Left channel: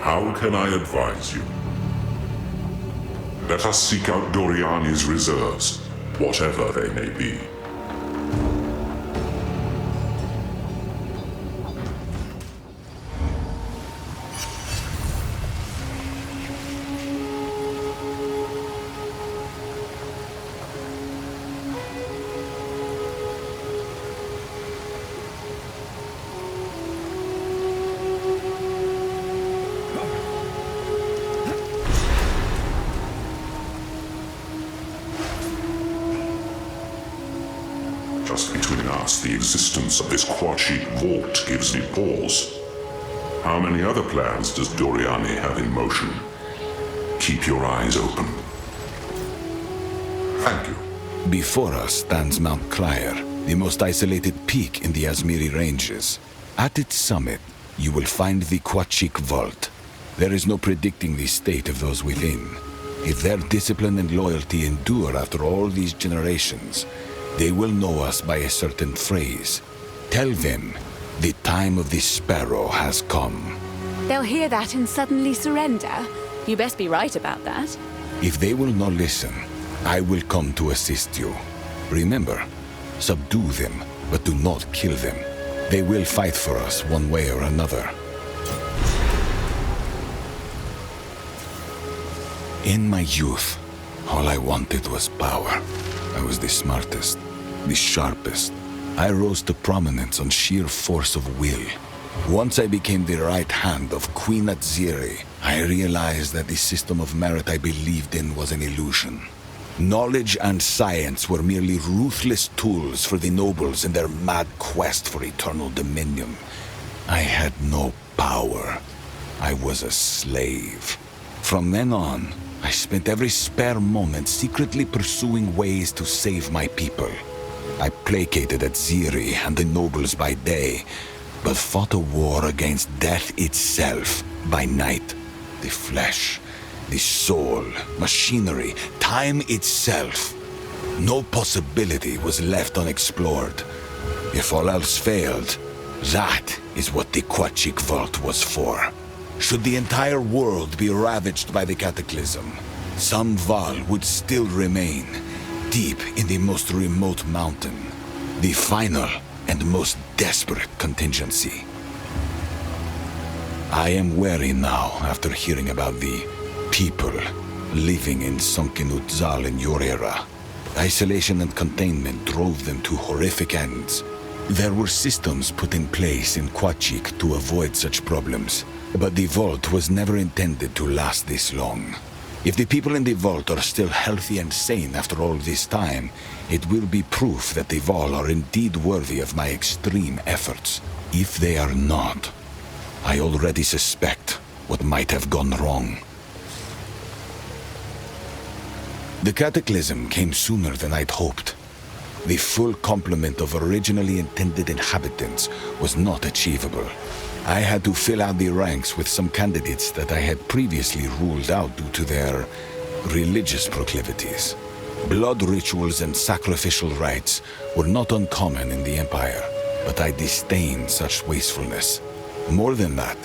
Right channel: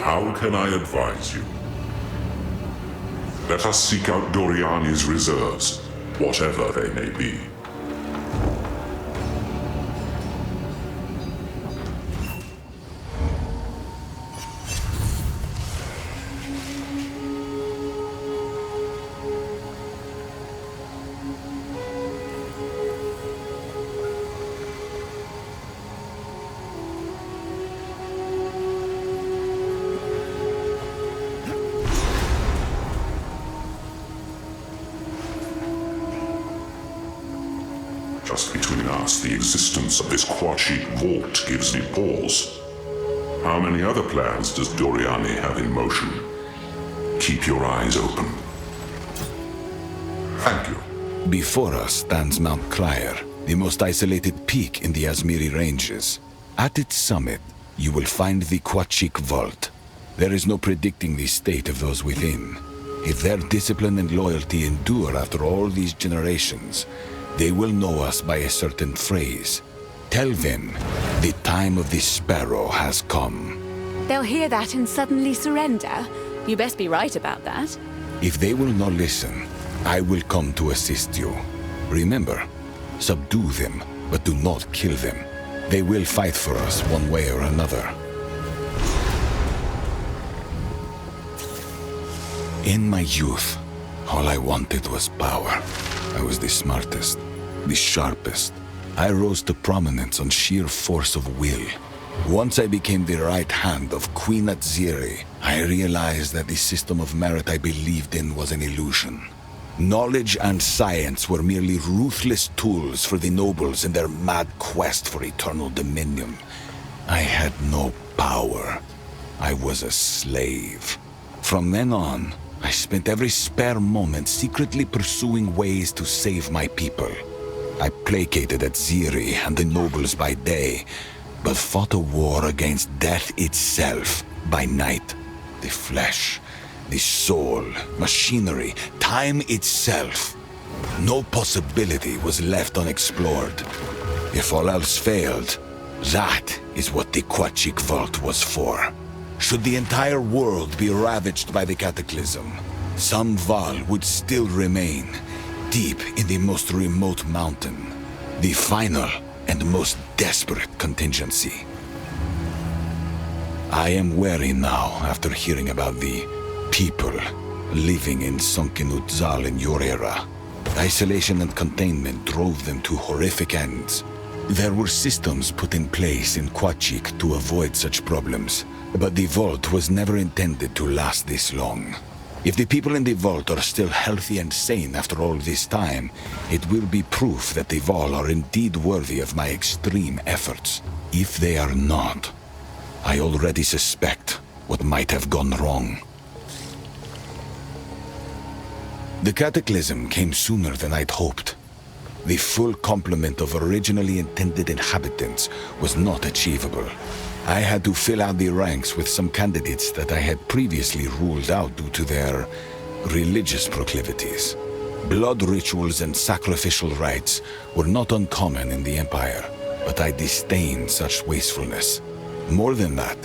How can I advise you? Let us seek out Doriani's reserves, whatever they may be. Just between us, the existence of this Quachik vault gives me pause. How many other plans does Doriani have in motion? Keep your eyes open. Thank you. Before us stands Mount Cryer, the most isolated peak in the Azmiri Ranges. At its summit, you will find the Quachik Vault. There is no predicting the state of those within. If their discipline and loyalty endure after all these generations, they will know us by a certain phrase. Tell them, the time of the sparrow has come. They'll hear that and suddenly surrender. You best be right about that. If they will not listen, I will come to assist you. Remember, subdue them, but do not kill them. They will fight for us one way or another. In my youth, all I wanted was power. I was the smartest, the sharpest. I rose to prominence on sheer force of will. Once I became the right hand of Queen Aziri, I realized that the system of merit I believed in was an illusion. Knowledge and science were merely ruthless tools for the nobles in their mad quest for eternal dominion. I had no power. I was a slave. From then on, I spent every spare moment secretly pursuing ways to save my people. I placated Aziri and the nobles by day, but fought a war against death itself by night. The flesh, the soul, machinery, time itself. No possibility was left unexplored. If all else failed, that is what the Quachik Vault was for. Should the entire world be ravaged by the cataclysm, some Val would still remain, deep in the most remote mountain. The final and most desperate contingency. I am wary now after hearing about the people living in sunken Utzal in your era. Isolation and containment drove them to horrific ends. There were systems put in place in Quachik to avoid such problems, but the vault was never intended to last this long. If the people in the vault are still healthy and sane after all this time, it will be proof that the Val are indeed worthy of my extreme efforts. If they are not, I already suspect what might have gone wrong. The cataclysm came sooner than I'd hoped. The full complement of originally intended inhabitants was not achievable. I had to fill out the ranks with some candidates that I had previously ruled out due to their religious proclivities. Blood rituals and sacrificial rites were not uncommon in the Empire, but I disdained such wastefulness. More than that,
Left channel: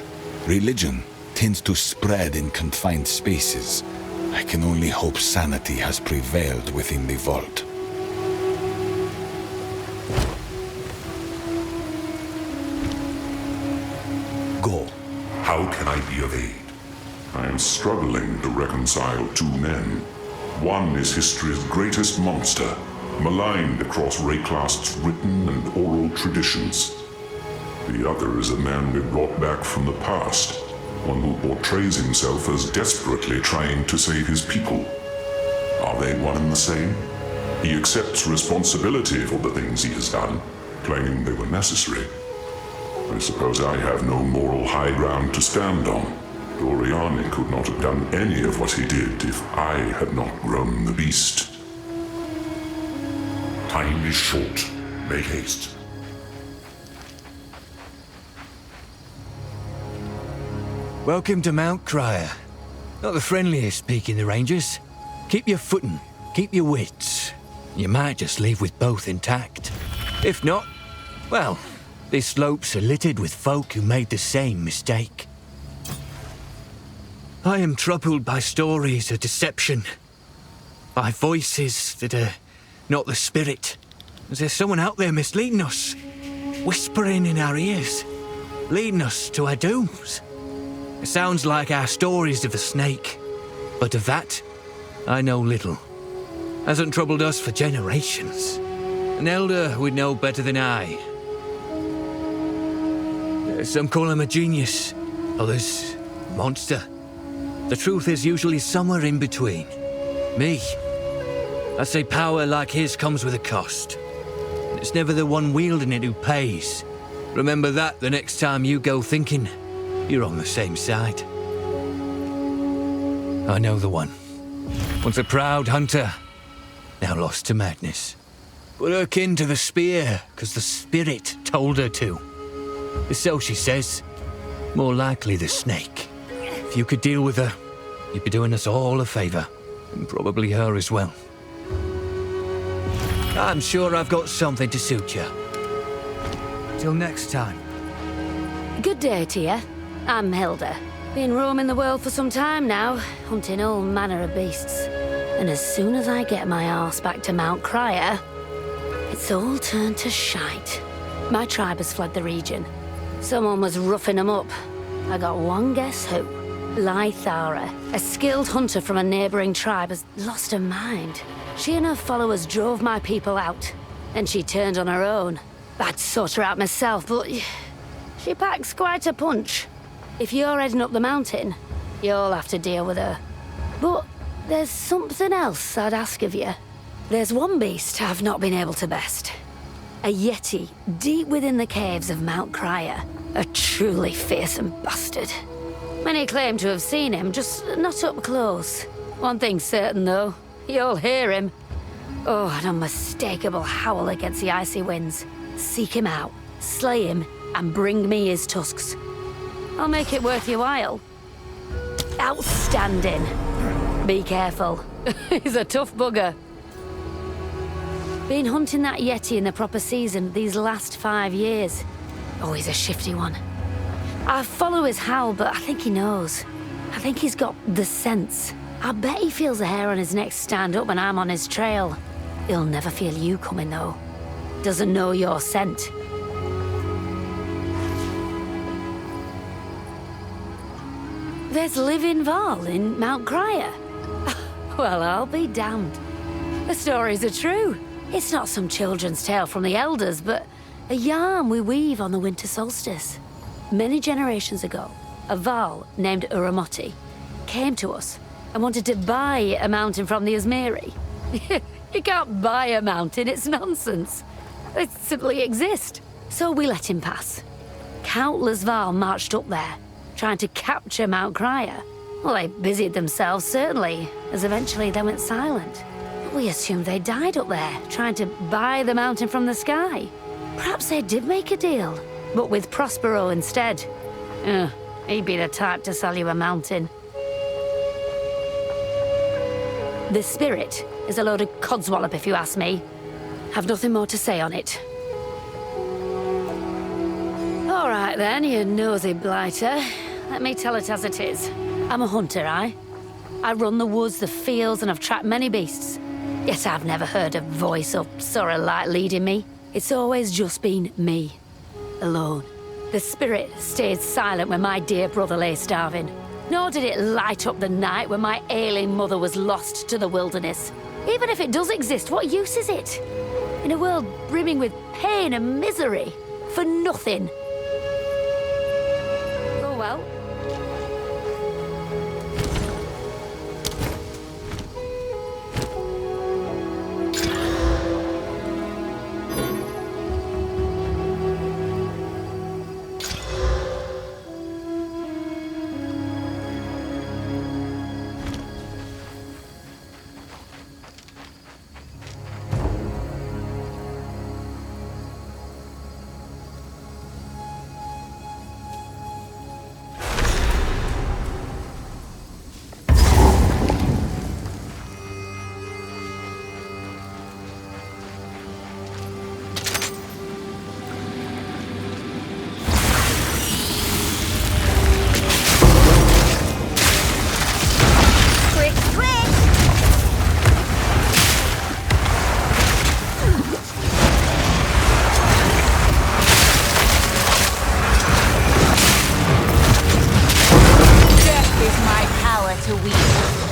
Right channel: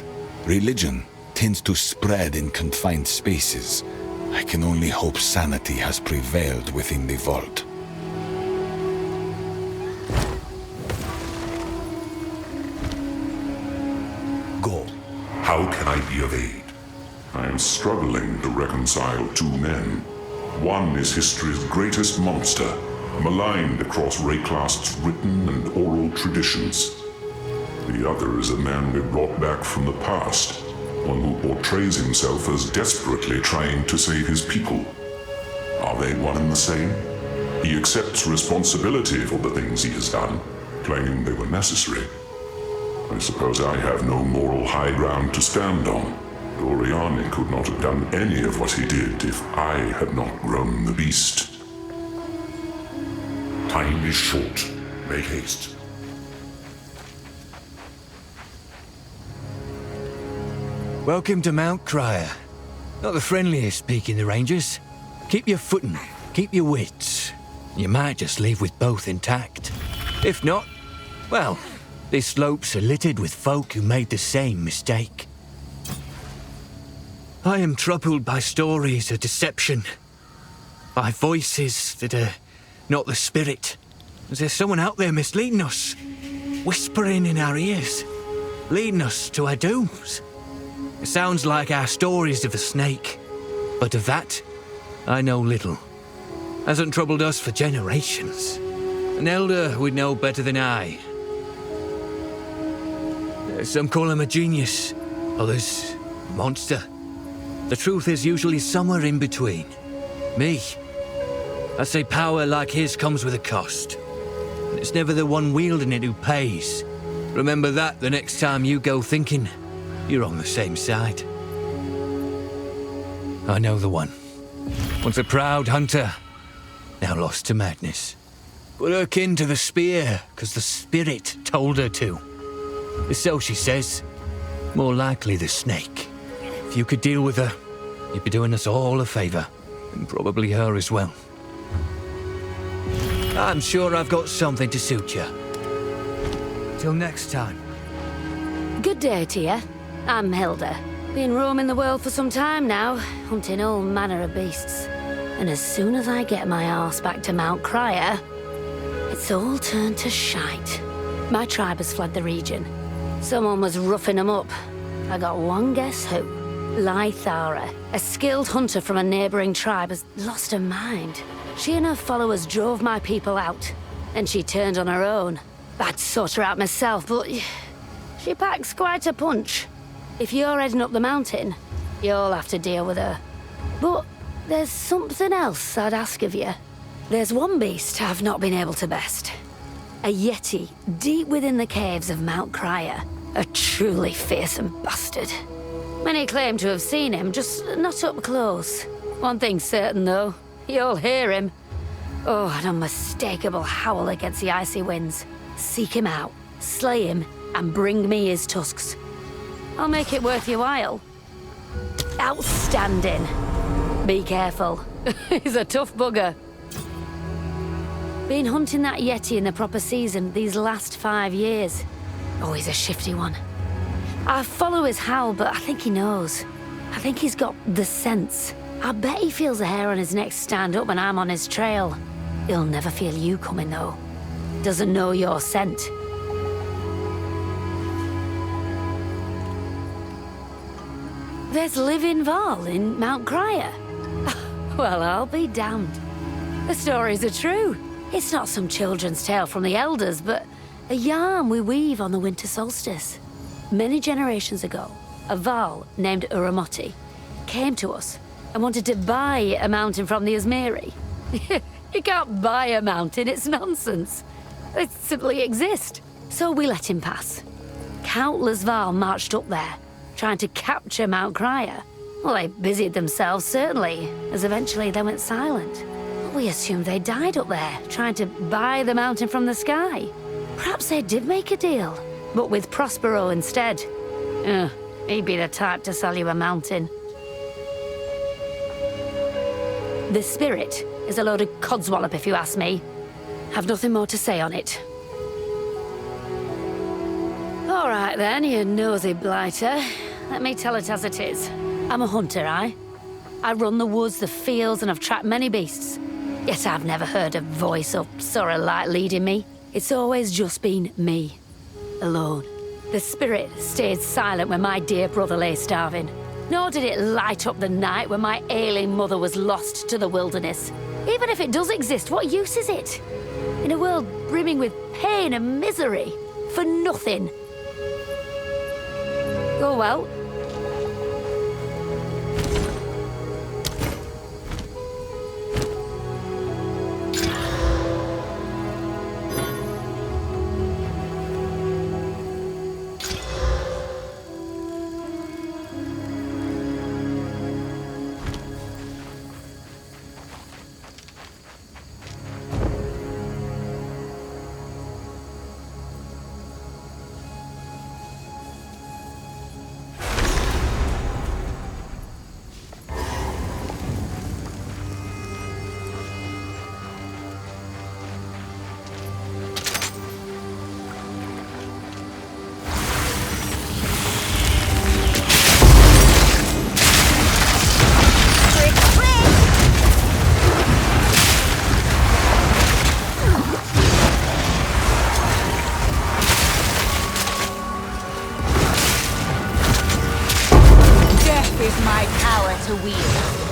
religion tends to spread in confined spaces. I can only hope sanity has prevailed within the vault. Go. How can I be of aid? I am struggling to reconcile two men. One is history's greatest monster, maligned across Rayclast's written and oral traditions. The other is a man we brought back from the past, one who portrays himself as desperately trying to save his people. Are they one and the same? He accepts responsibility for the things he has done, claiming they were necessary. I suppose I have no moral high ground to stand on. Doriani could not have done any of what he did if I had not grown the beast. Time is short. Make haste. Welcome to Mount Cryer. Not the friendliest peak in the ranges. Keep your footing, keep your wits. You might just leave with both intact. If not, well, these slopes are littered with folk who made the same mistake. I am troubled by stories of deception, by voices that are not the spirit. Is there someone out there misleading us, whispering in our ears, leading us to our dooms? It sounds like our stories of the snake, but of that, I know little. Hasn't troubled us for generations. An elder would know better than I. Some call him a genius, others a monster. The truth is usually somewhere in between. Me, I say power like his comes with a cost. And it's never the one wielding it who pays. Remember that the next time you go thinking you're on the same side. I know the one. Once a proud hunter, now lost to madness. Put her kin to the spear, 'cause the spirit told her to. So she says. More likely the snake. If you could deal with her, you'd be doing us all a favor. And probably her as well. I'm sure I've got something to suit you. Till next time. Good day to you. I'm Hilda. Been roaming the world for some time now, hunting all manner of beasts. And as soon as I get my arse back to Mount Crier, it's all turned to shite. My tribe has fled the region. Someone was roughing them up. I got one guess who. Lythara, a skilled hunter from a neighboring tribe, has lost her mind. She and her followers drove my people out, and she turned on her own. I'd sort her out myself, but she packs quite a punch. If you're heading up the mountain, you'll have to deal with her. But there's something else I'd ask of you. There's one beast I've not been able to best. A yeti deep within the caves of Mount Crier. A truly fearsome bastard. Many claim to have seen him, just not up close. One thing's certain, though. You'll hear him. Oh, an unmistakable howl against the icy winds. Seek him out, slay him, and bring me his tusks. I'll make it worth your while. Outstanding. Be careful. He's a tough bugger. Been hunting that yeti in the proper season these last 5 years. Oh, he's a shifty one. I follow his howl, but I think he knows. I think he's got the sense. I bet he feels the hair on his neck stand up when I'm on his trail. He'll never feel you coming, though. Doesn't know your scent. There's living Val in Mount Crier. Well, I'll be damned. The stories are true. It's not some children's tale from the elders, but a yarn we weave on the winter solstice. Many generations ago, a Val named Uramotti came to us and wanted to buy a mountain from the Izmiri. You can't buy a mountain, it's nonsense. They simply exist. So we let him pass. Countless Val marched up there, trying to capture Mount Crier. Well, they busied themselves, certainly, as eventually they went silent. We assumed they died up there, trying to buy the mountain from the sky. Perhaps they did make a deal, but with Prospero instead. He'd be the type to sell you a mountain. The spirit is a load of codswallop, if you ask me. Have nothing more to say on it. All right then, you nosy blighter. Let me tell it as it is. I'm a hunter, I run the woods, the fields, and I've tracked many beasts. Yet I've never heard a voice or saw a light leading me. It's always just been me. Alone. The spirit stayed silent when my dear brother lay starving. Nor did it light up the night when my ailing mother was lost to the wilderness. Even if it does exist, what use is it? In a world brimming with pain and misery. For nothing. Go well. power to wield.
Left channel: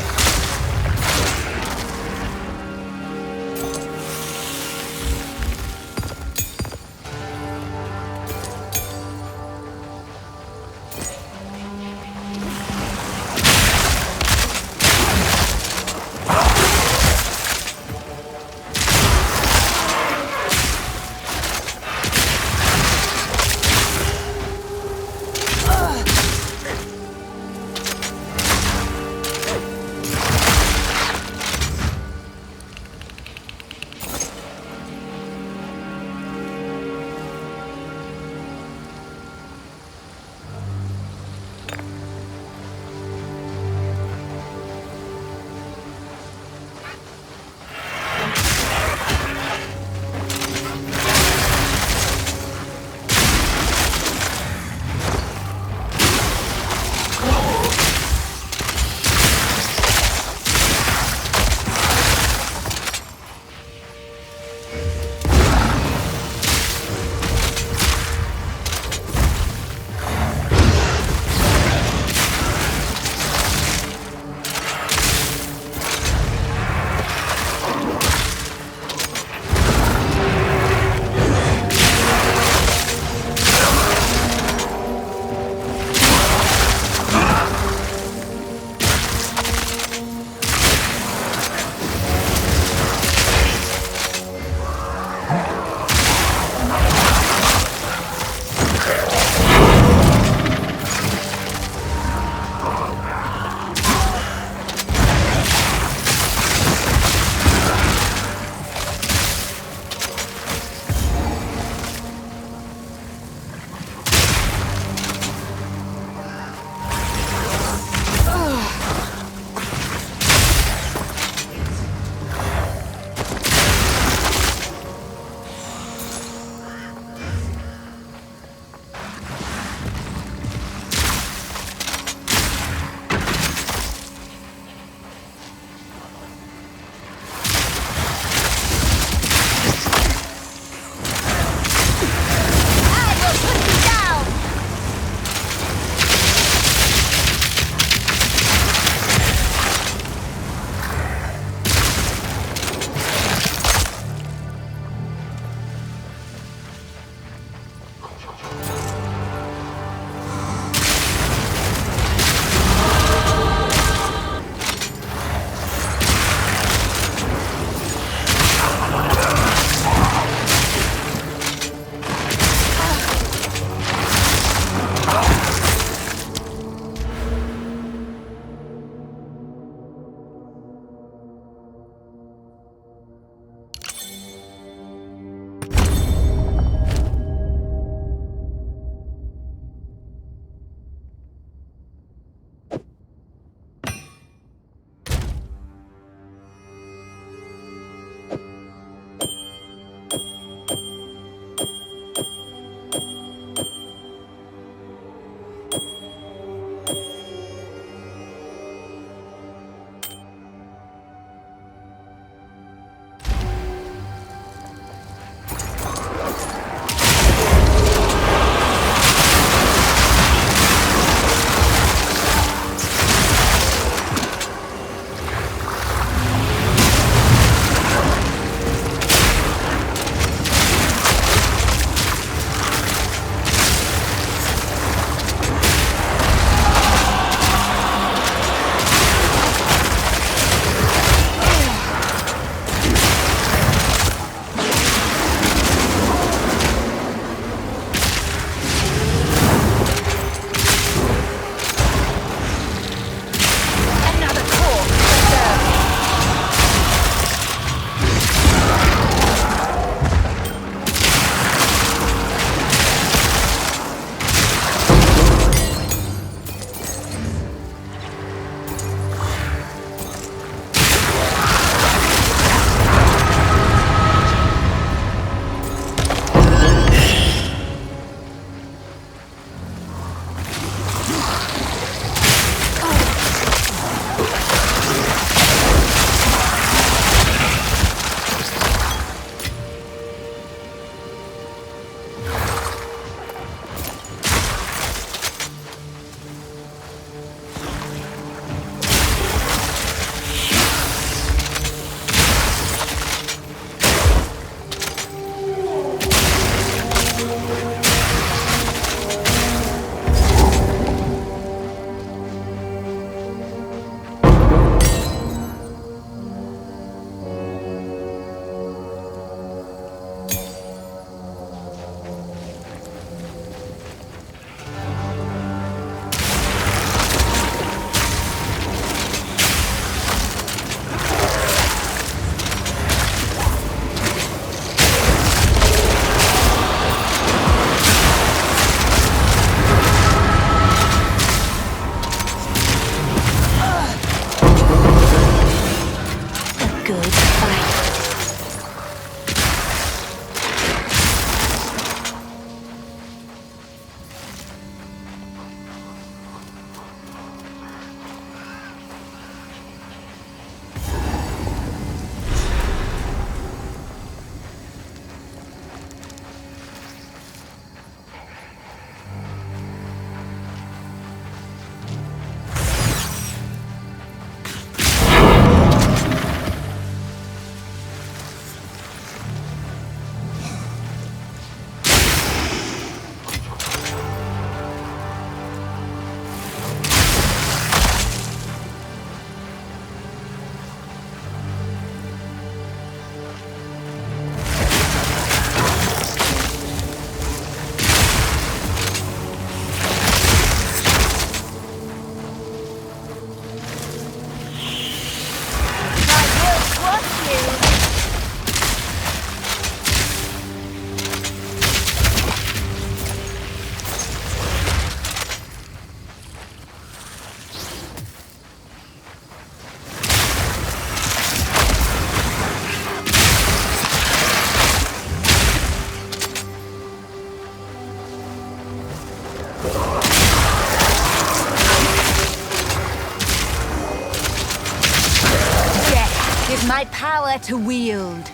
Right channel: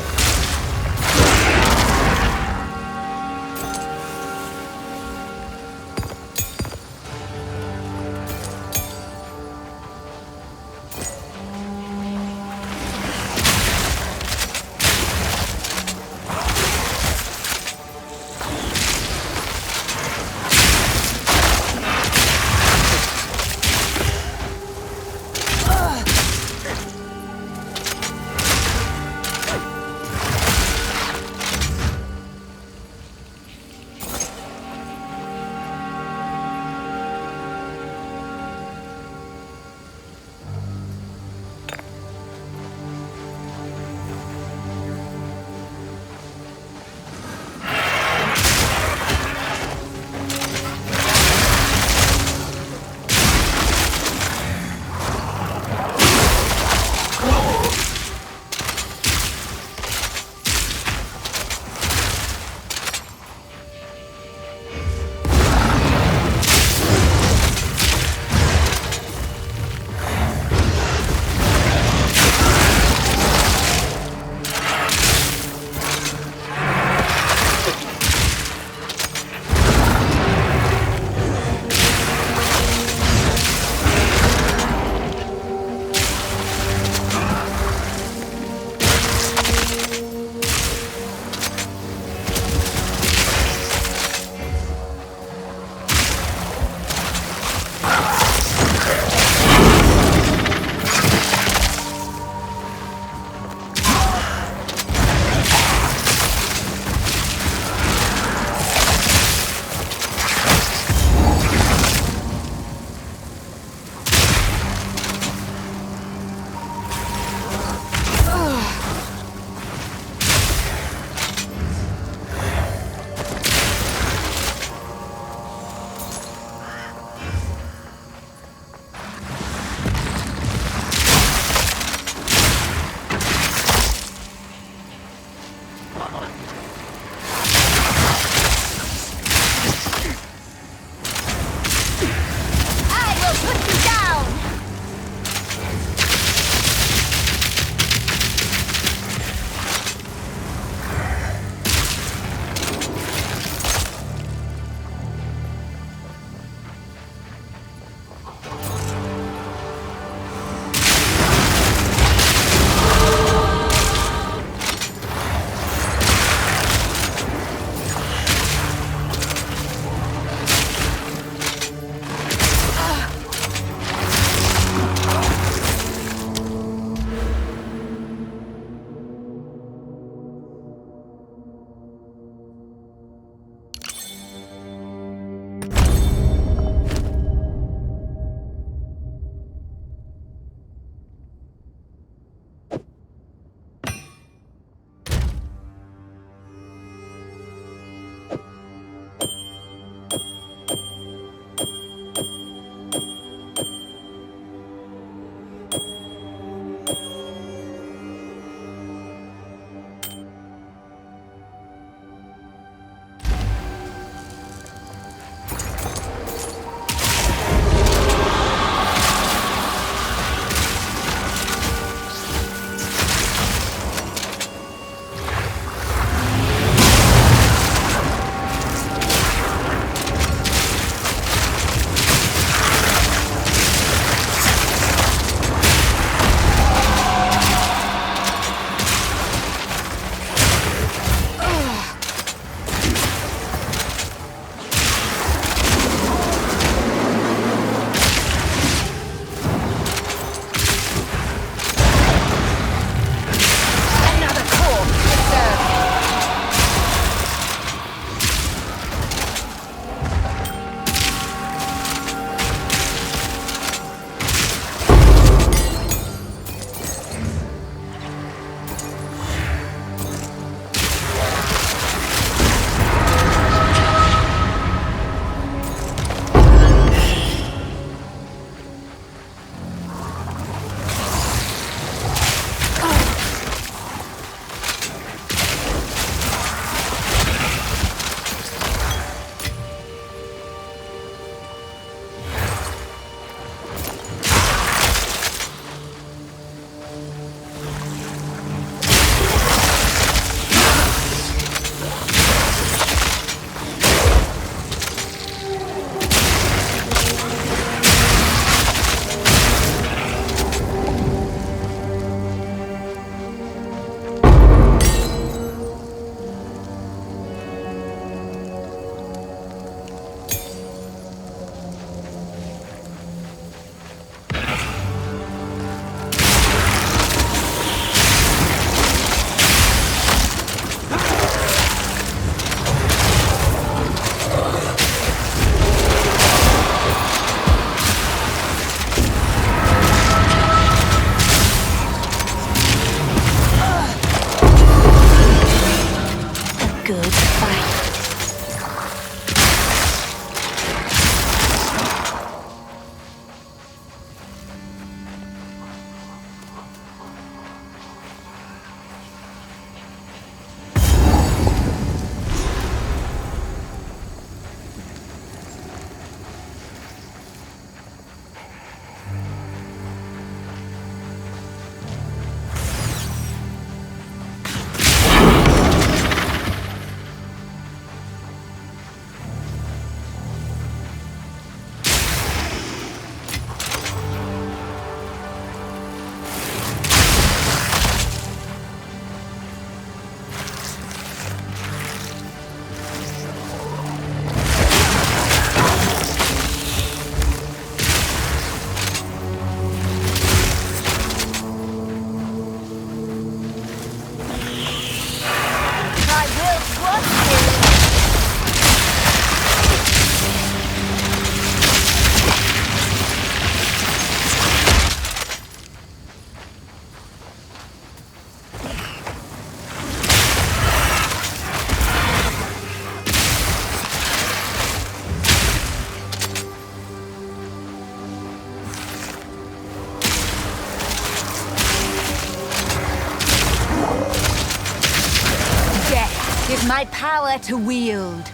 my power to wield.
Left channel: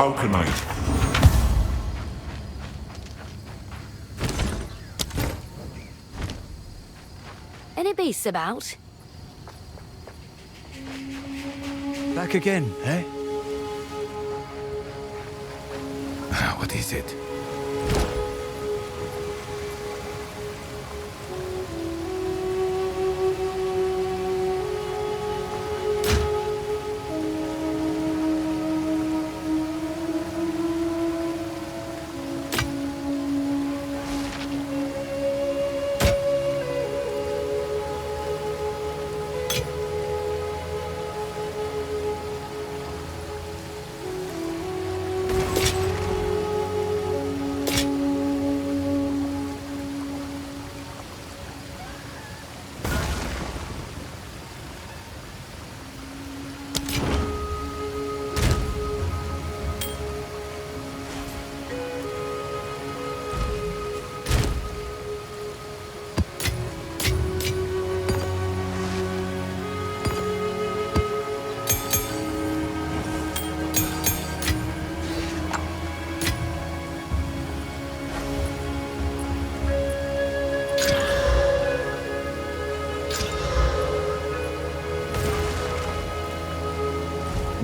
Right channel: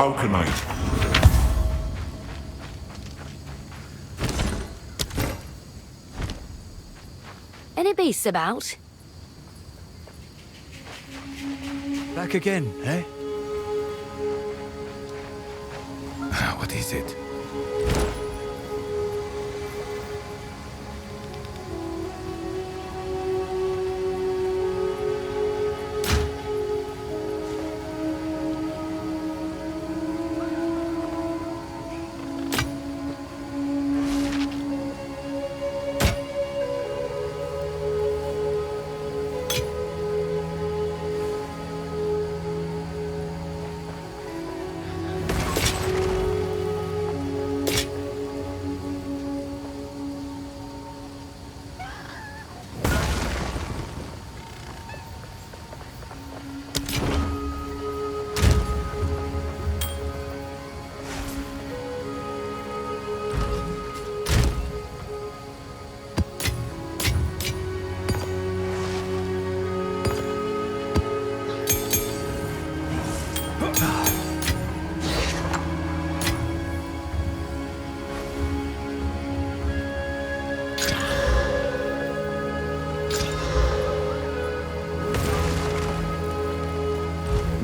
How can I... Any beasts about? Back again, eh? What is it?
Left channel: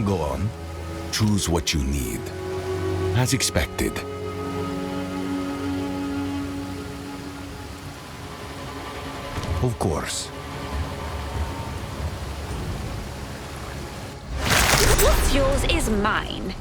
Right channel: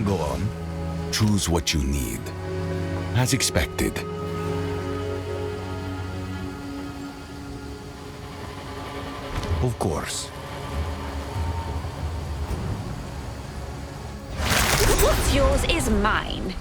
Go on. Choose what you need. As expected. Of course. What's yours is mine.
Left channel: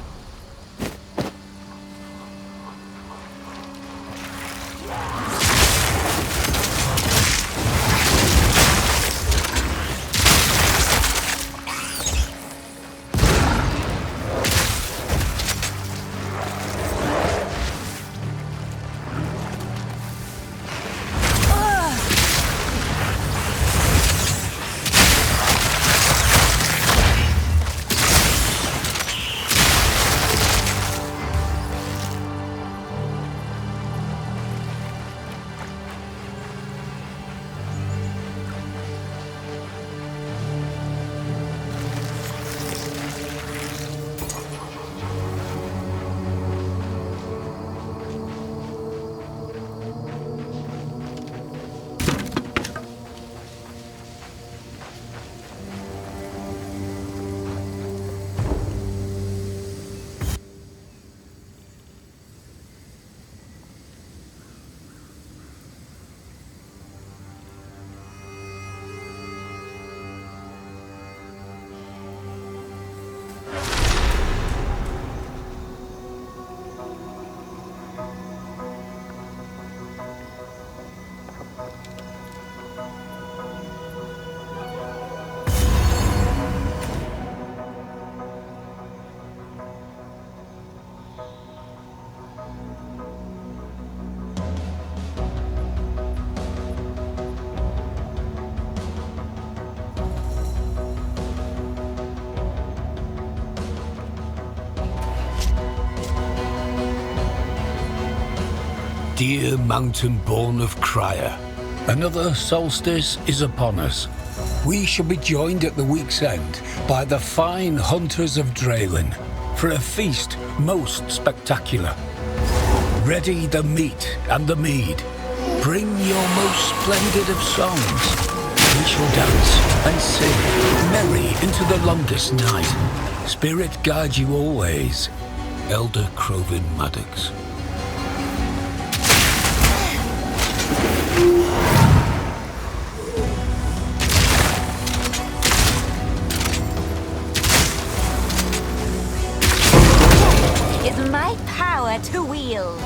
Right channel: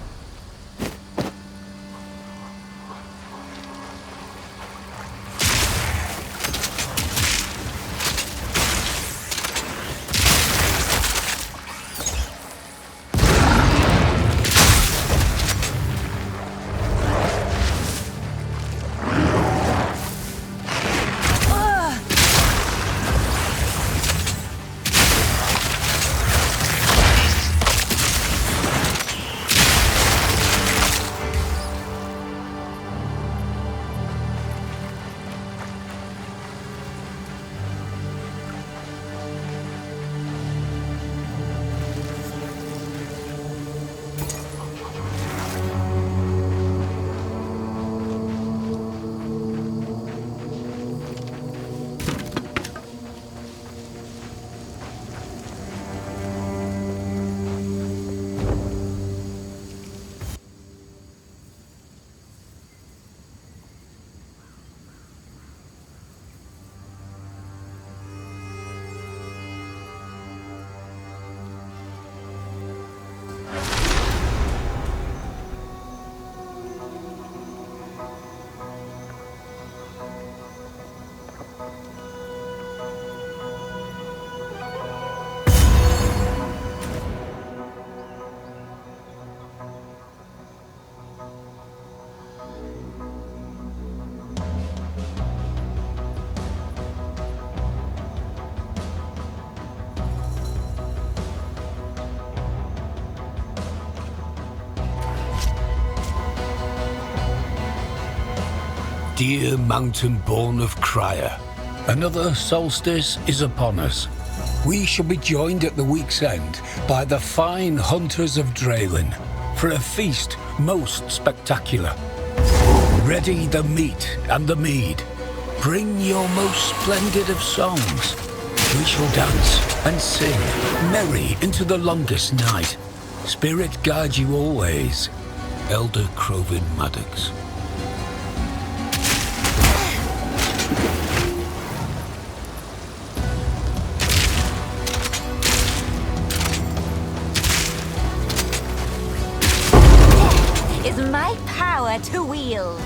dear mountain-born of Cryer. Another solstice is upon us. We shall be joined at the week's end by the fine hunters of Draelin for a feast most spectacular. Ready the meat and the mead. Bring your most splendid of songs. We shall dance and sing merry into the longest night. Spirit guide you always. Elder Crovin Maddox. Is my power to wield.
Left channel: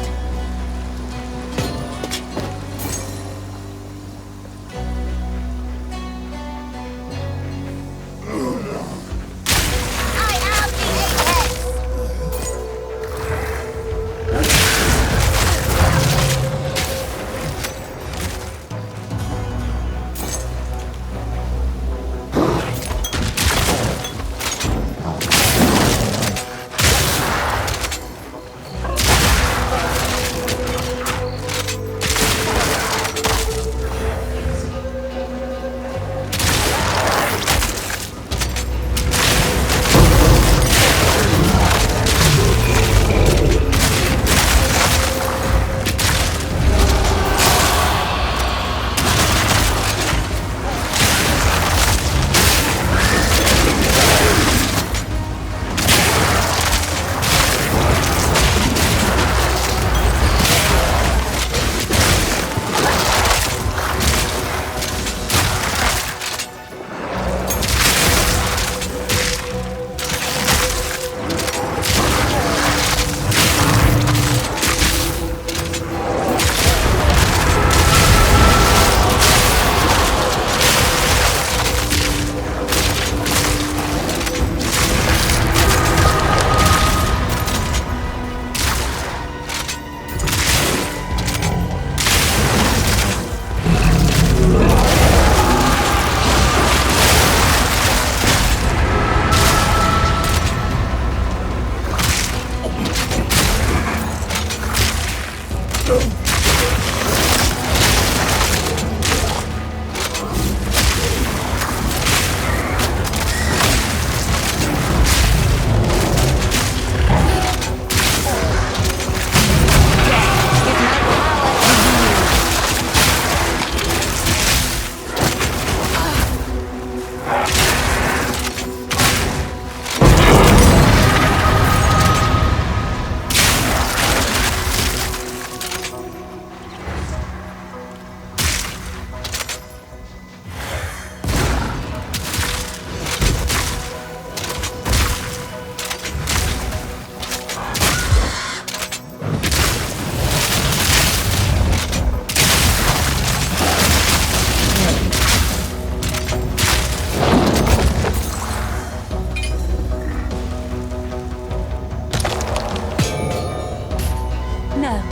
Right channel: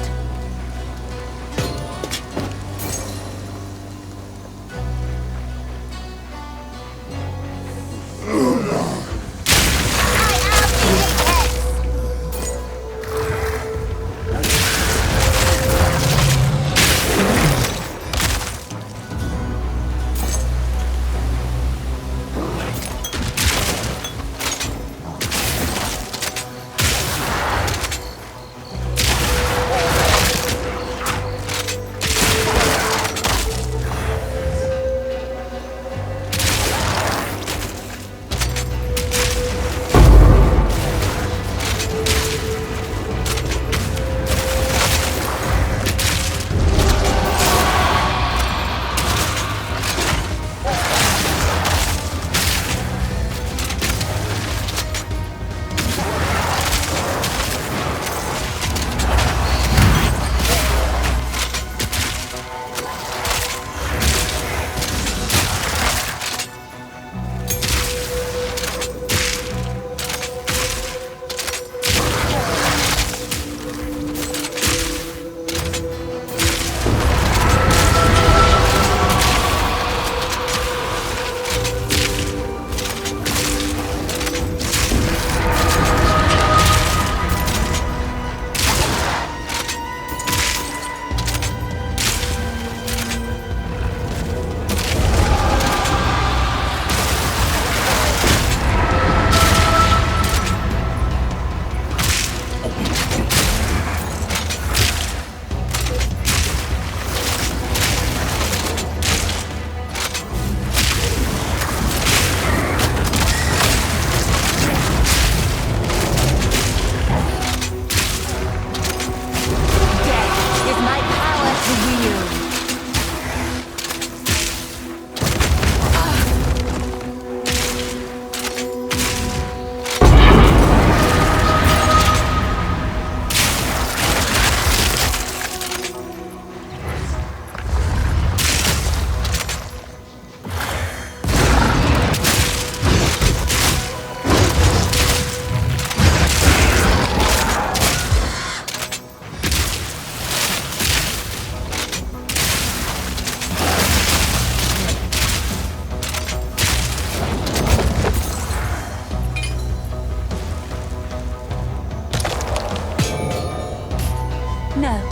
No.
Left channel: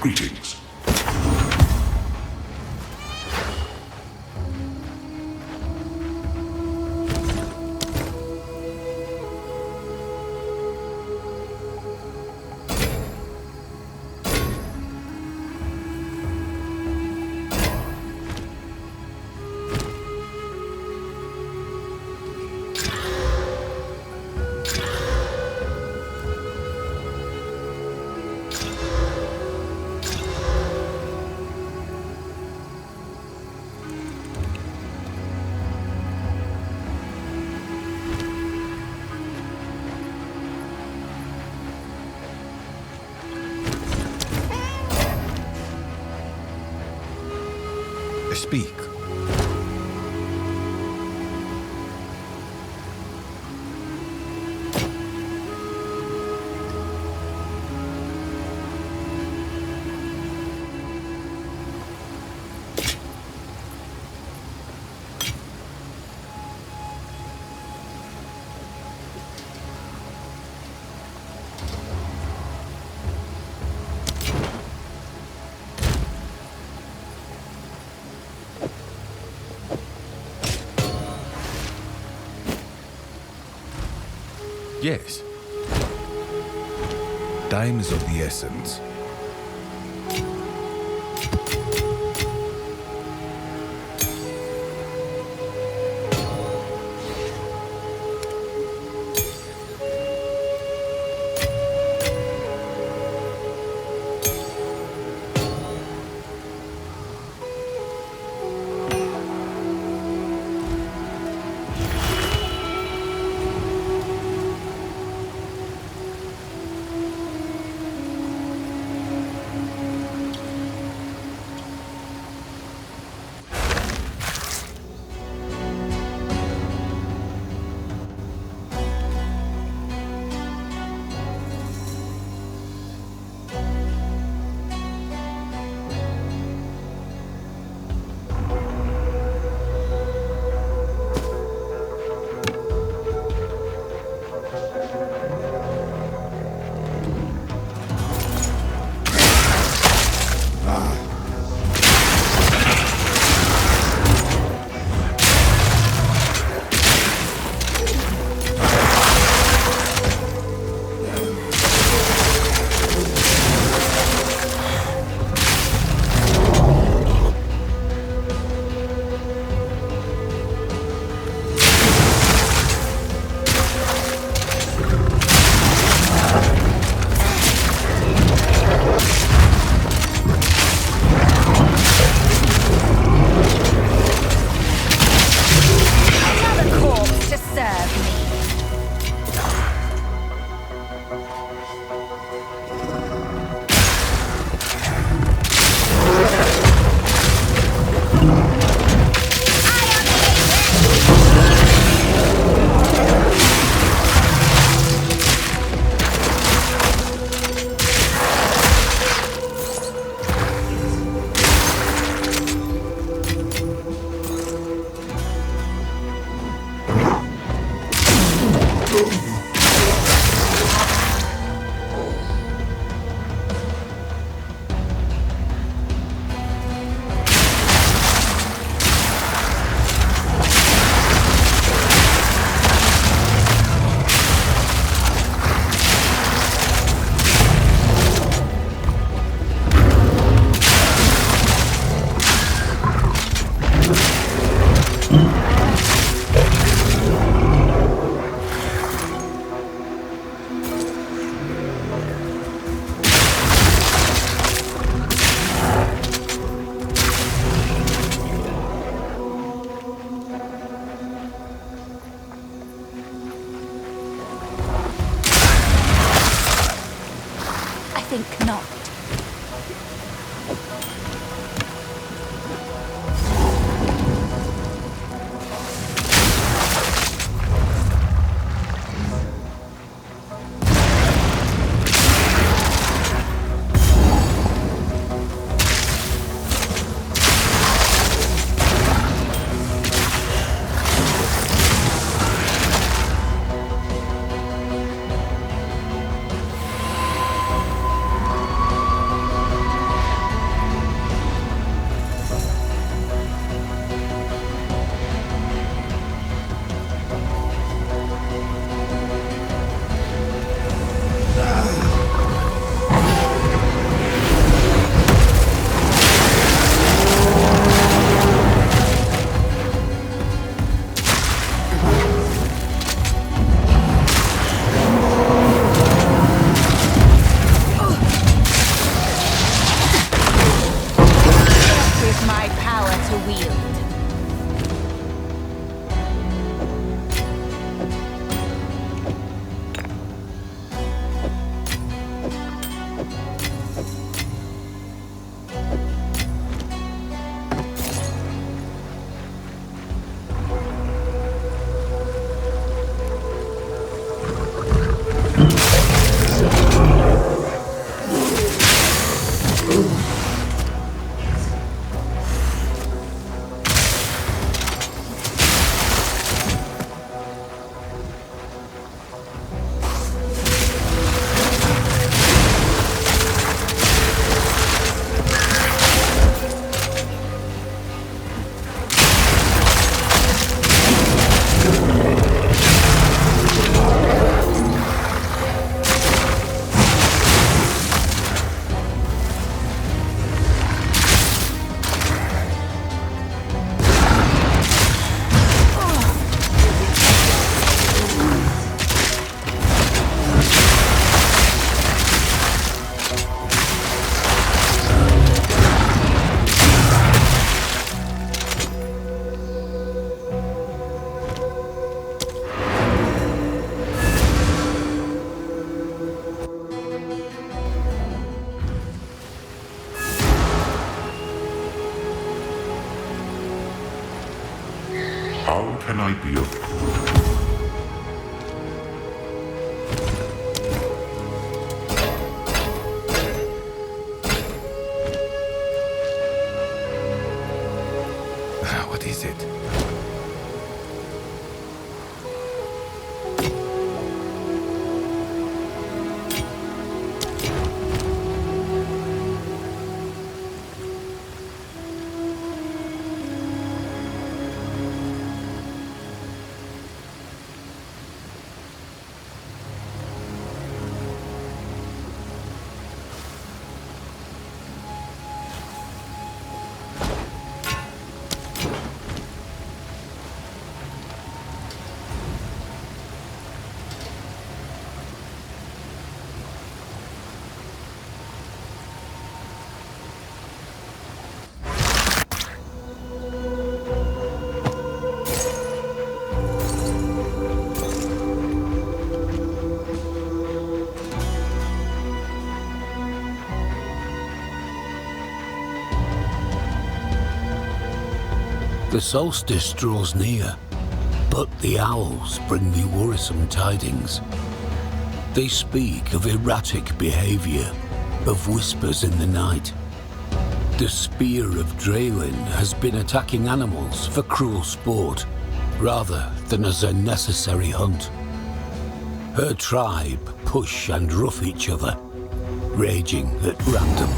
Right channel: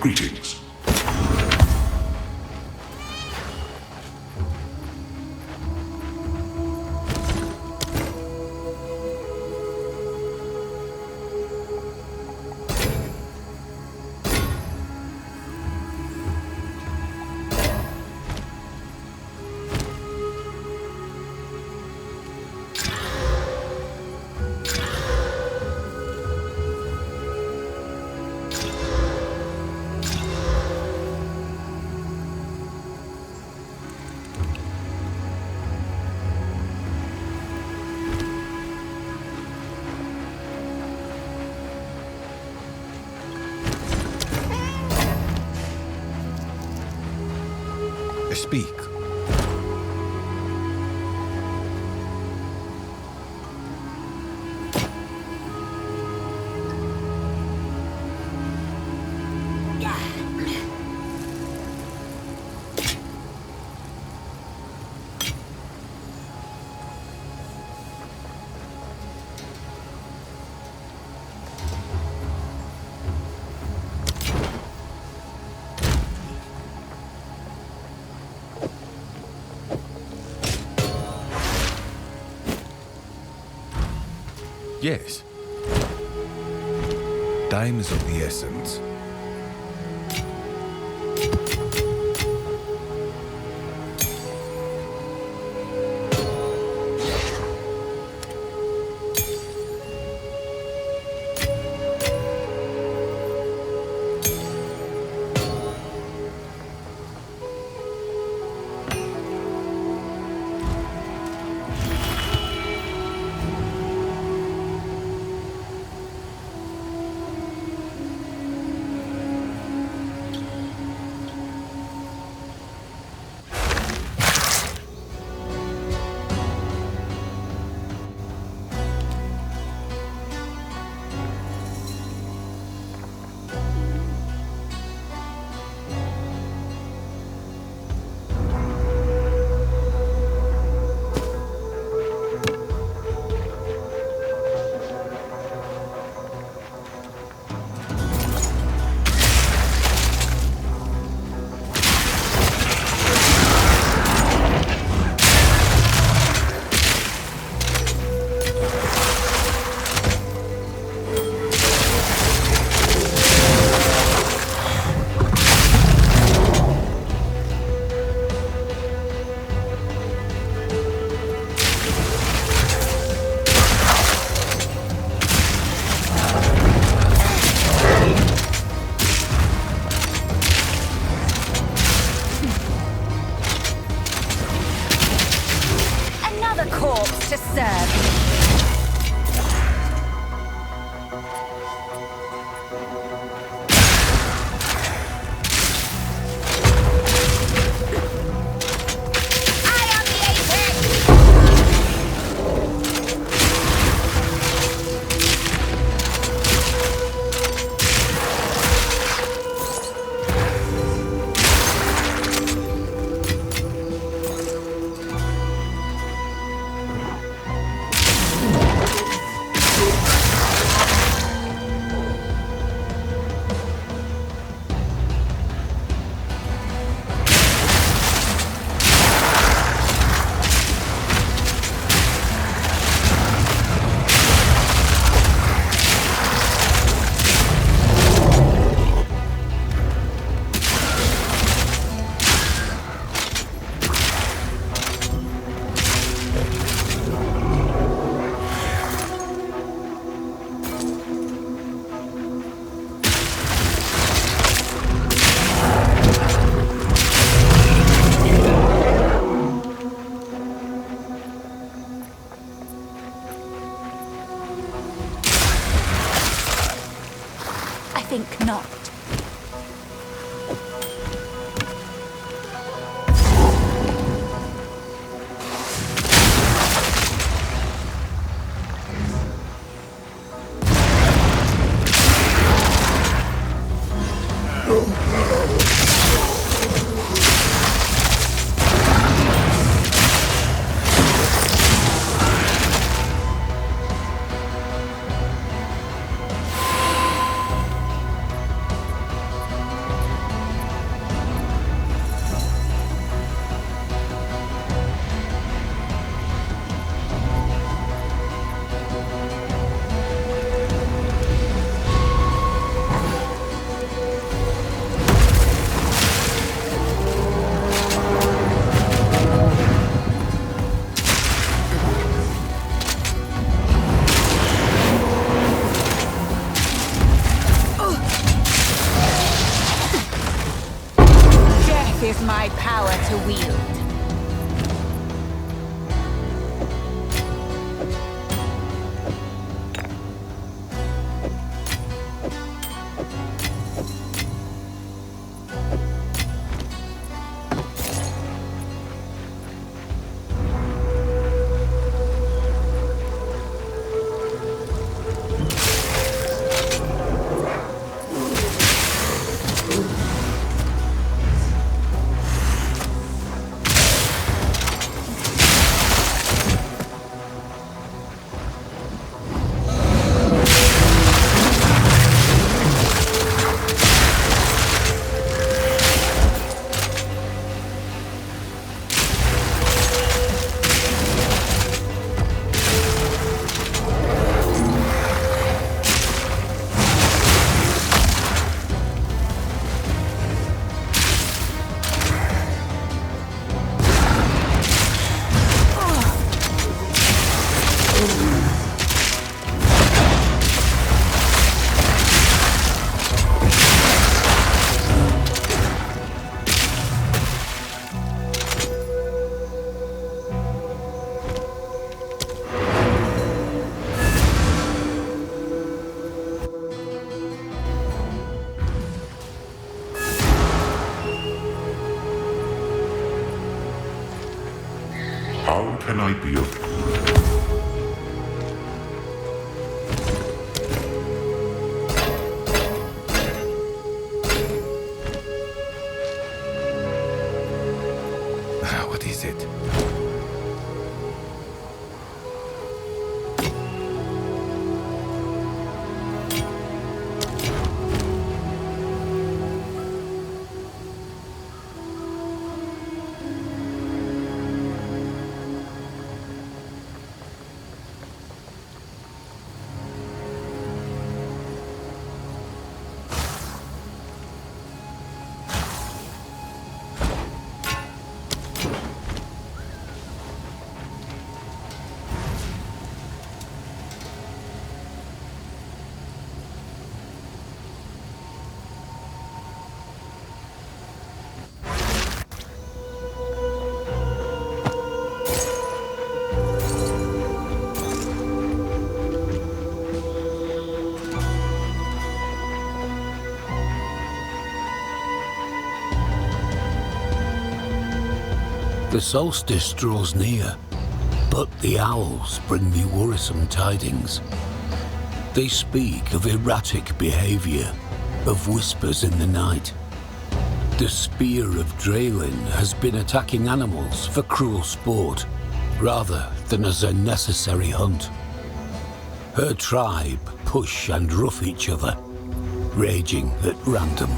Greetings. Speak. Yes. Time is of the essence. think not. Is my power to wield. can I be of... What is it? The solstice draws near, but the owls bring me worrisome tidings. They speak of erratic behavior, of whispers in the night. The spear of Draylin has been attacking animals for cruel sport, rather than as a necessary hunt. Her tribe push and rough each other, raging at random,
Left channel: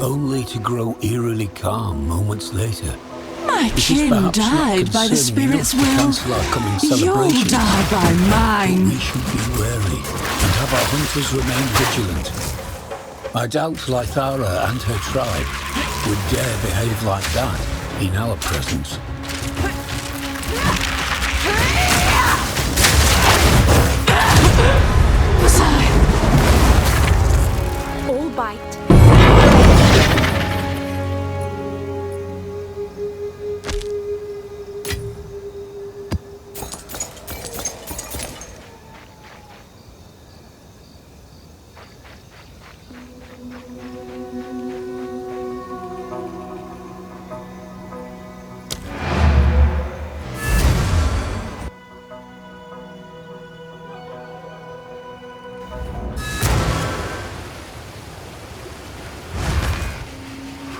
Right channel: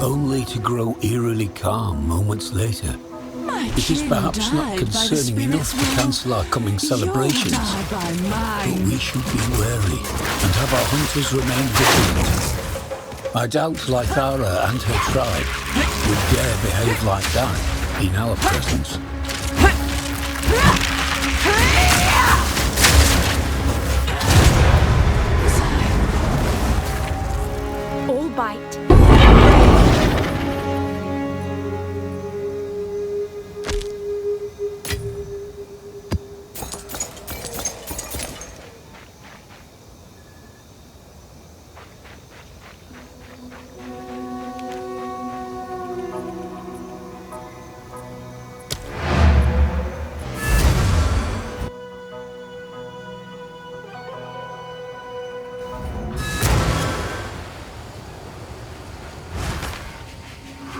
only to grow eerily calm moments later. My It is kin perhaps not died by the concerning enough spirit's to will. cancel our coming You'll celebrations. die by But mine. we should be wary and have our hunters remain vigilant. I doubt Lythara and her tribe would dare behave like that in our presence. All bite.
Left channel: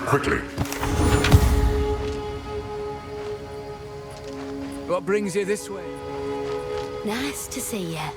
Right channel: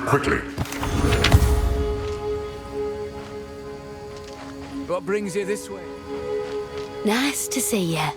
Quickly. What brings you this way? Nice to see you.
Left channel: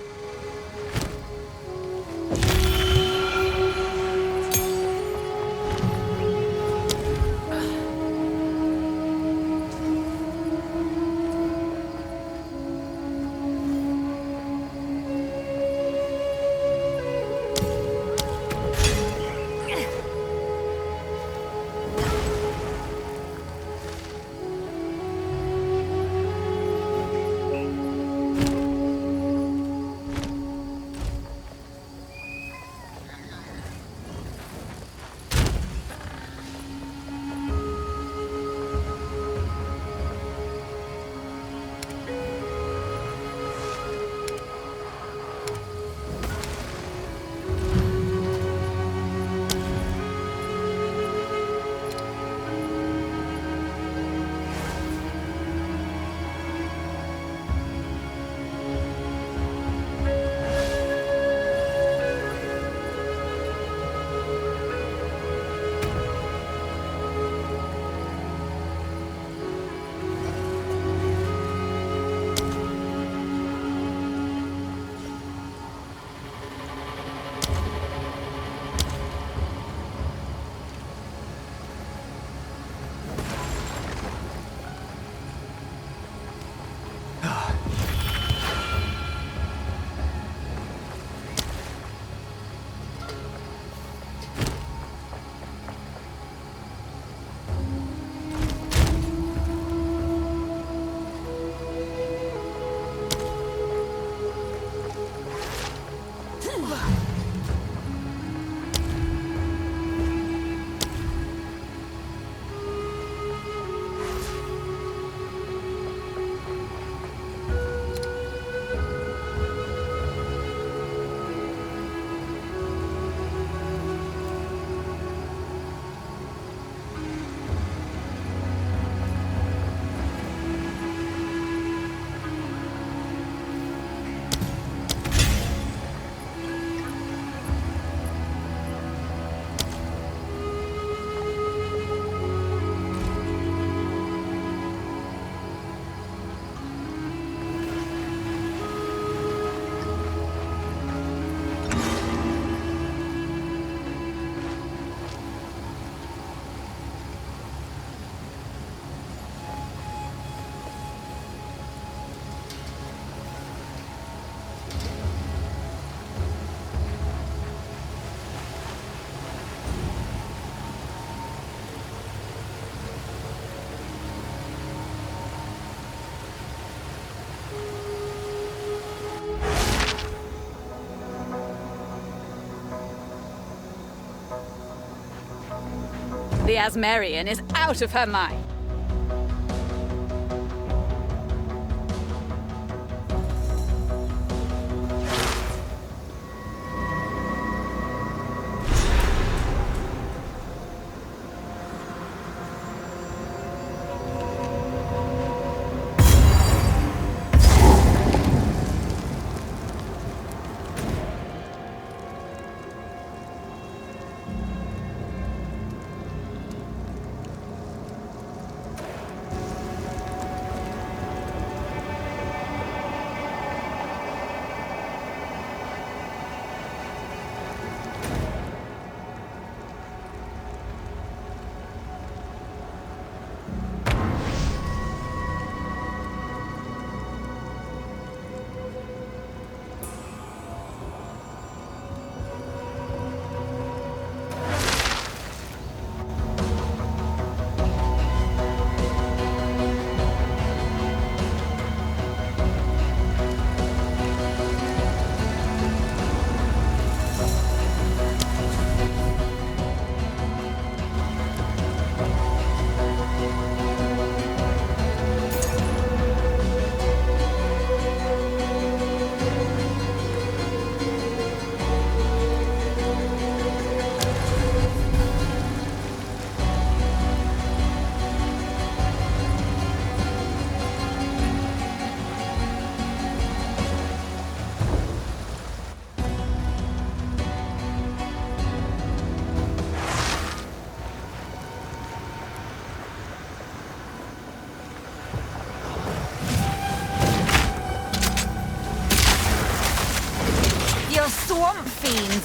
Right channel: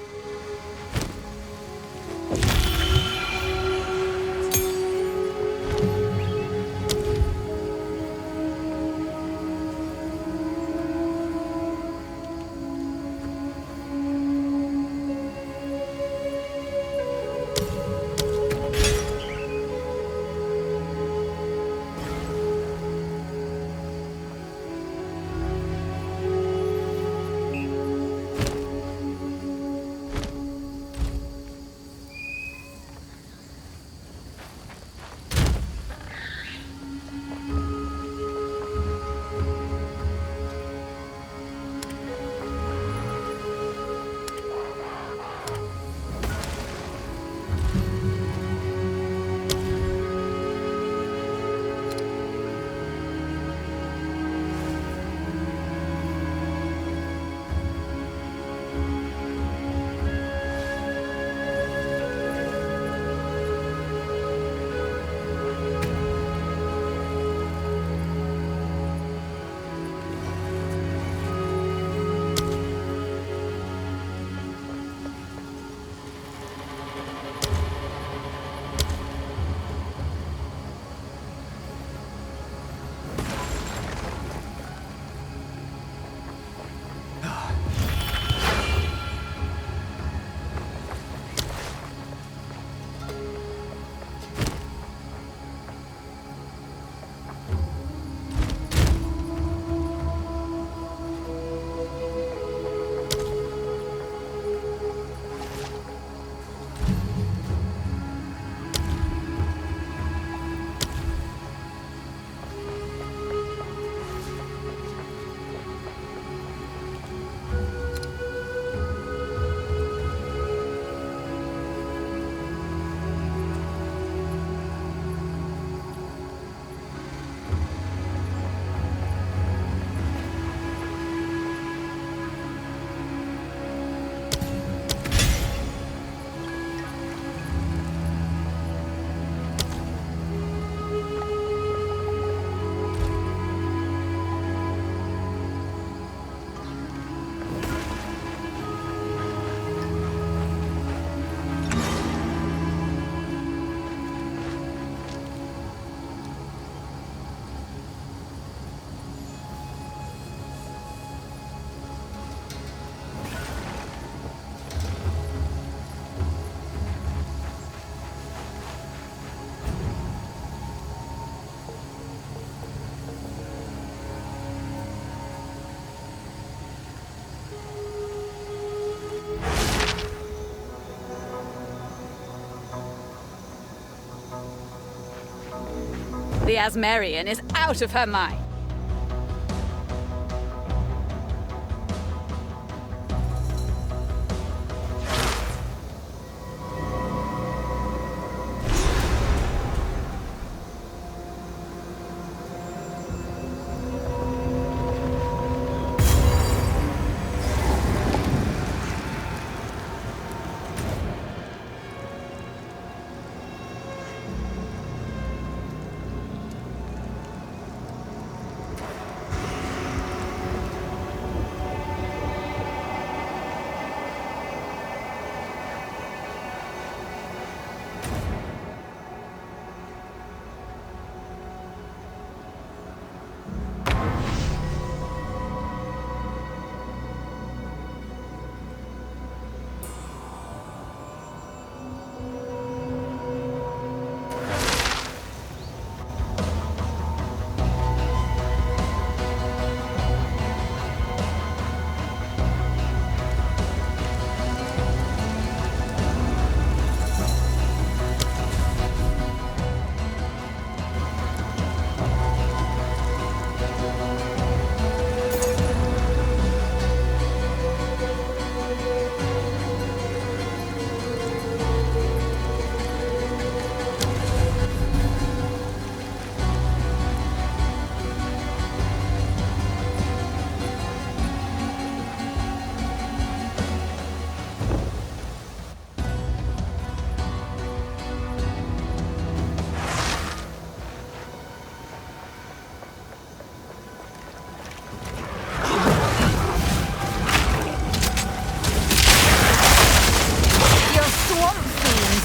The Asmerian is out of her mind.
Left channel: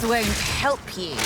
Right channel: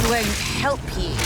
Won't help you.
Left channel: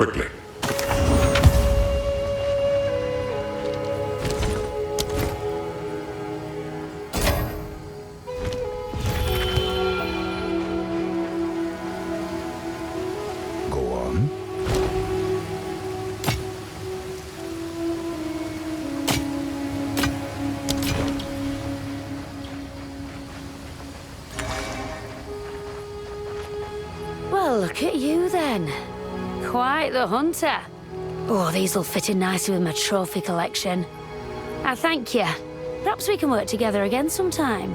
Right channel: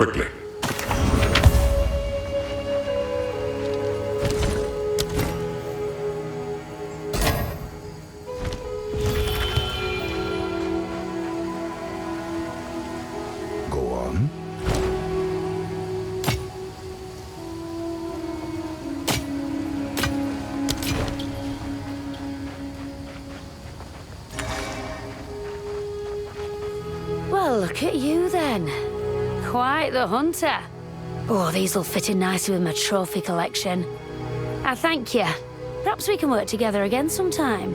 quickly. Go on. Well, look at you then. Quite the hunter. Oh, these'll fit in nicely with my trophy collection. I thank you. Perhaps we can work together again sometime.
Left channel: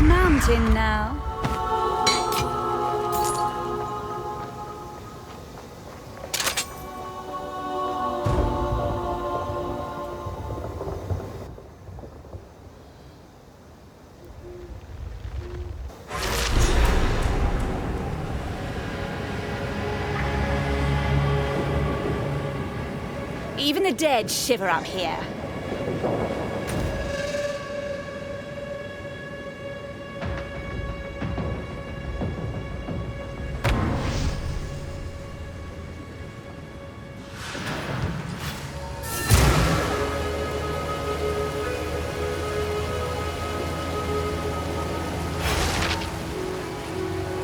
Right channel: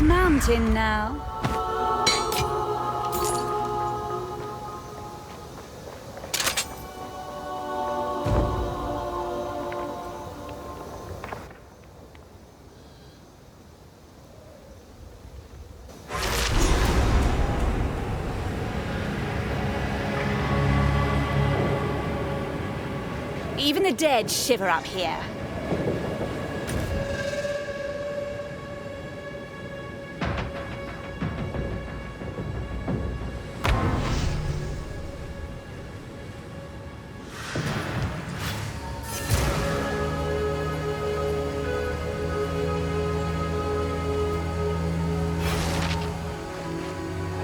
this mountain now. Even the dead shiver up here.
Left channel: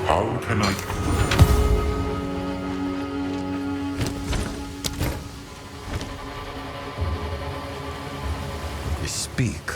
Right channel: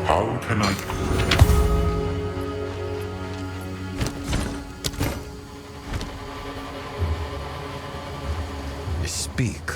How can I... Speak.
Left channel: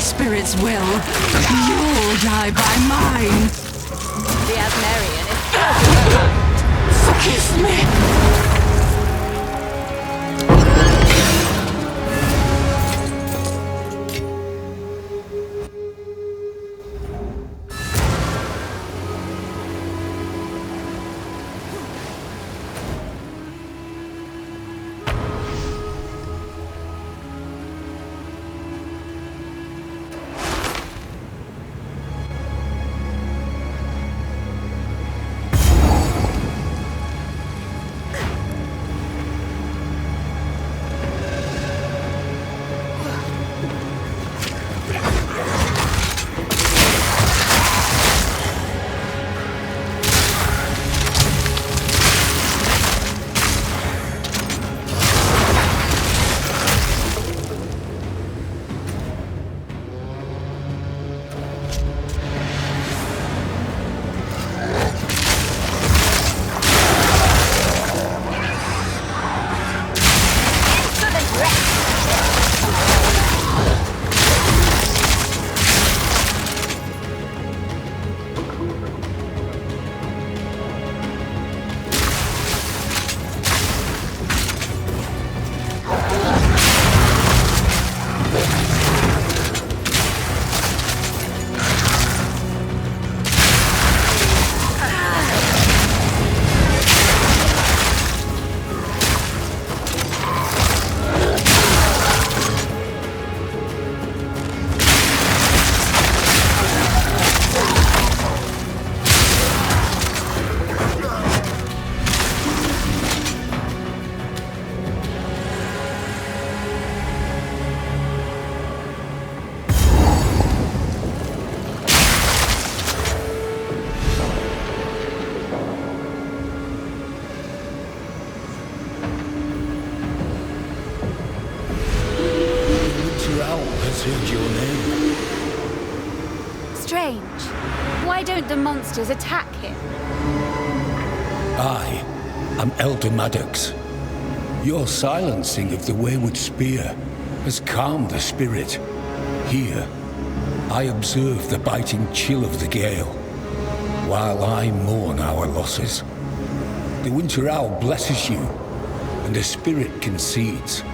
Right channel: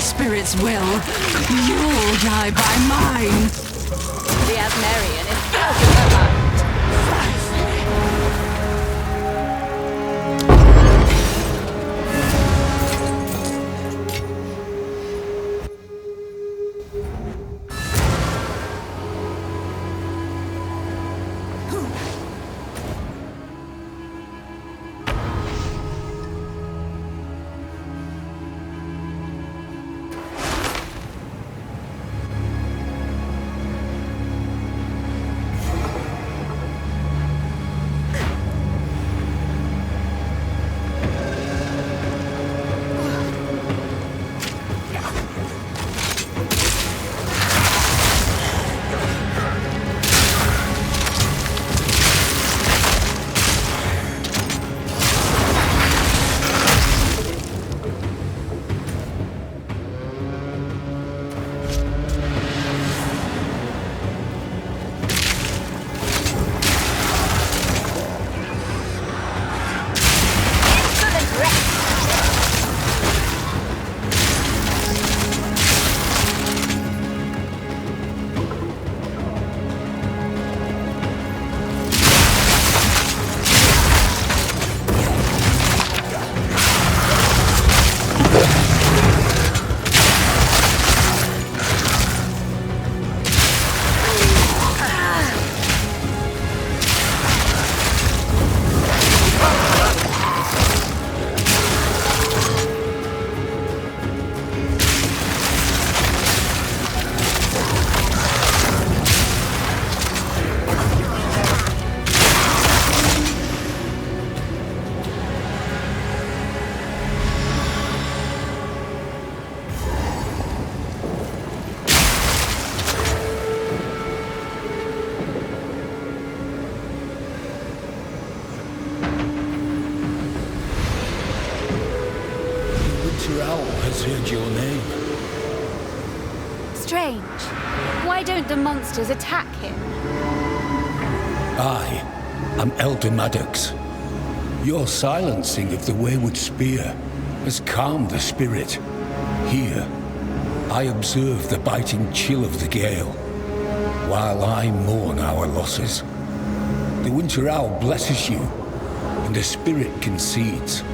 the spirit's will, you'll die by mine. The Asmerian is forging her heart. Forgive me. Has heard your name. Strange. Why don't the monsters attack him? I am Elder Maddox. Your silencing of the wayward spear has calmed the spirit. Here, I observe the biting chill of the gale, while I mourn our losses. The Winter Owl blesses you, and the spirit concedes.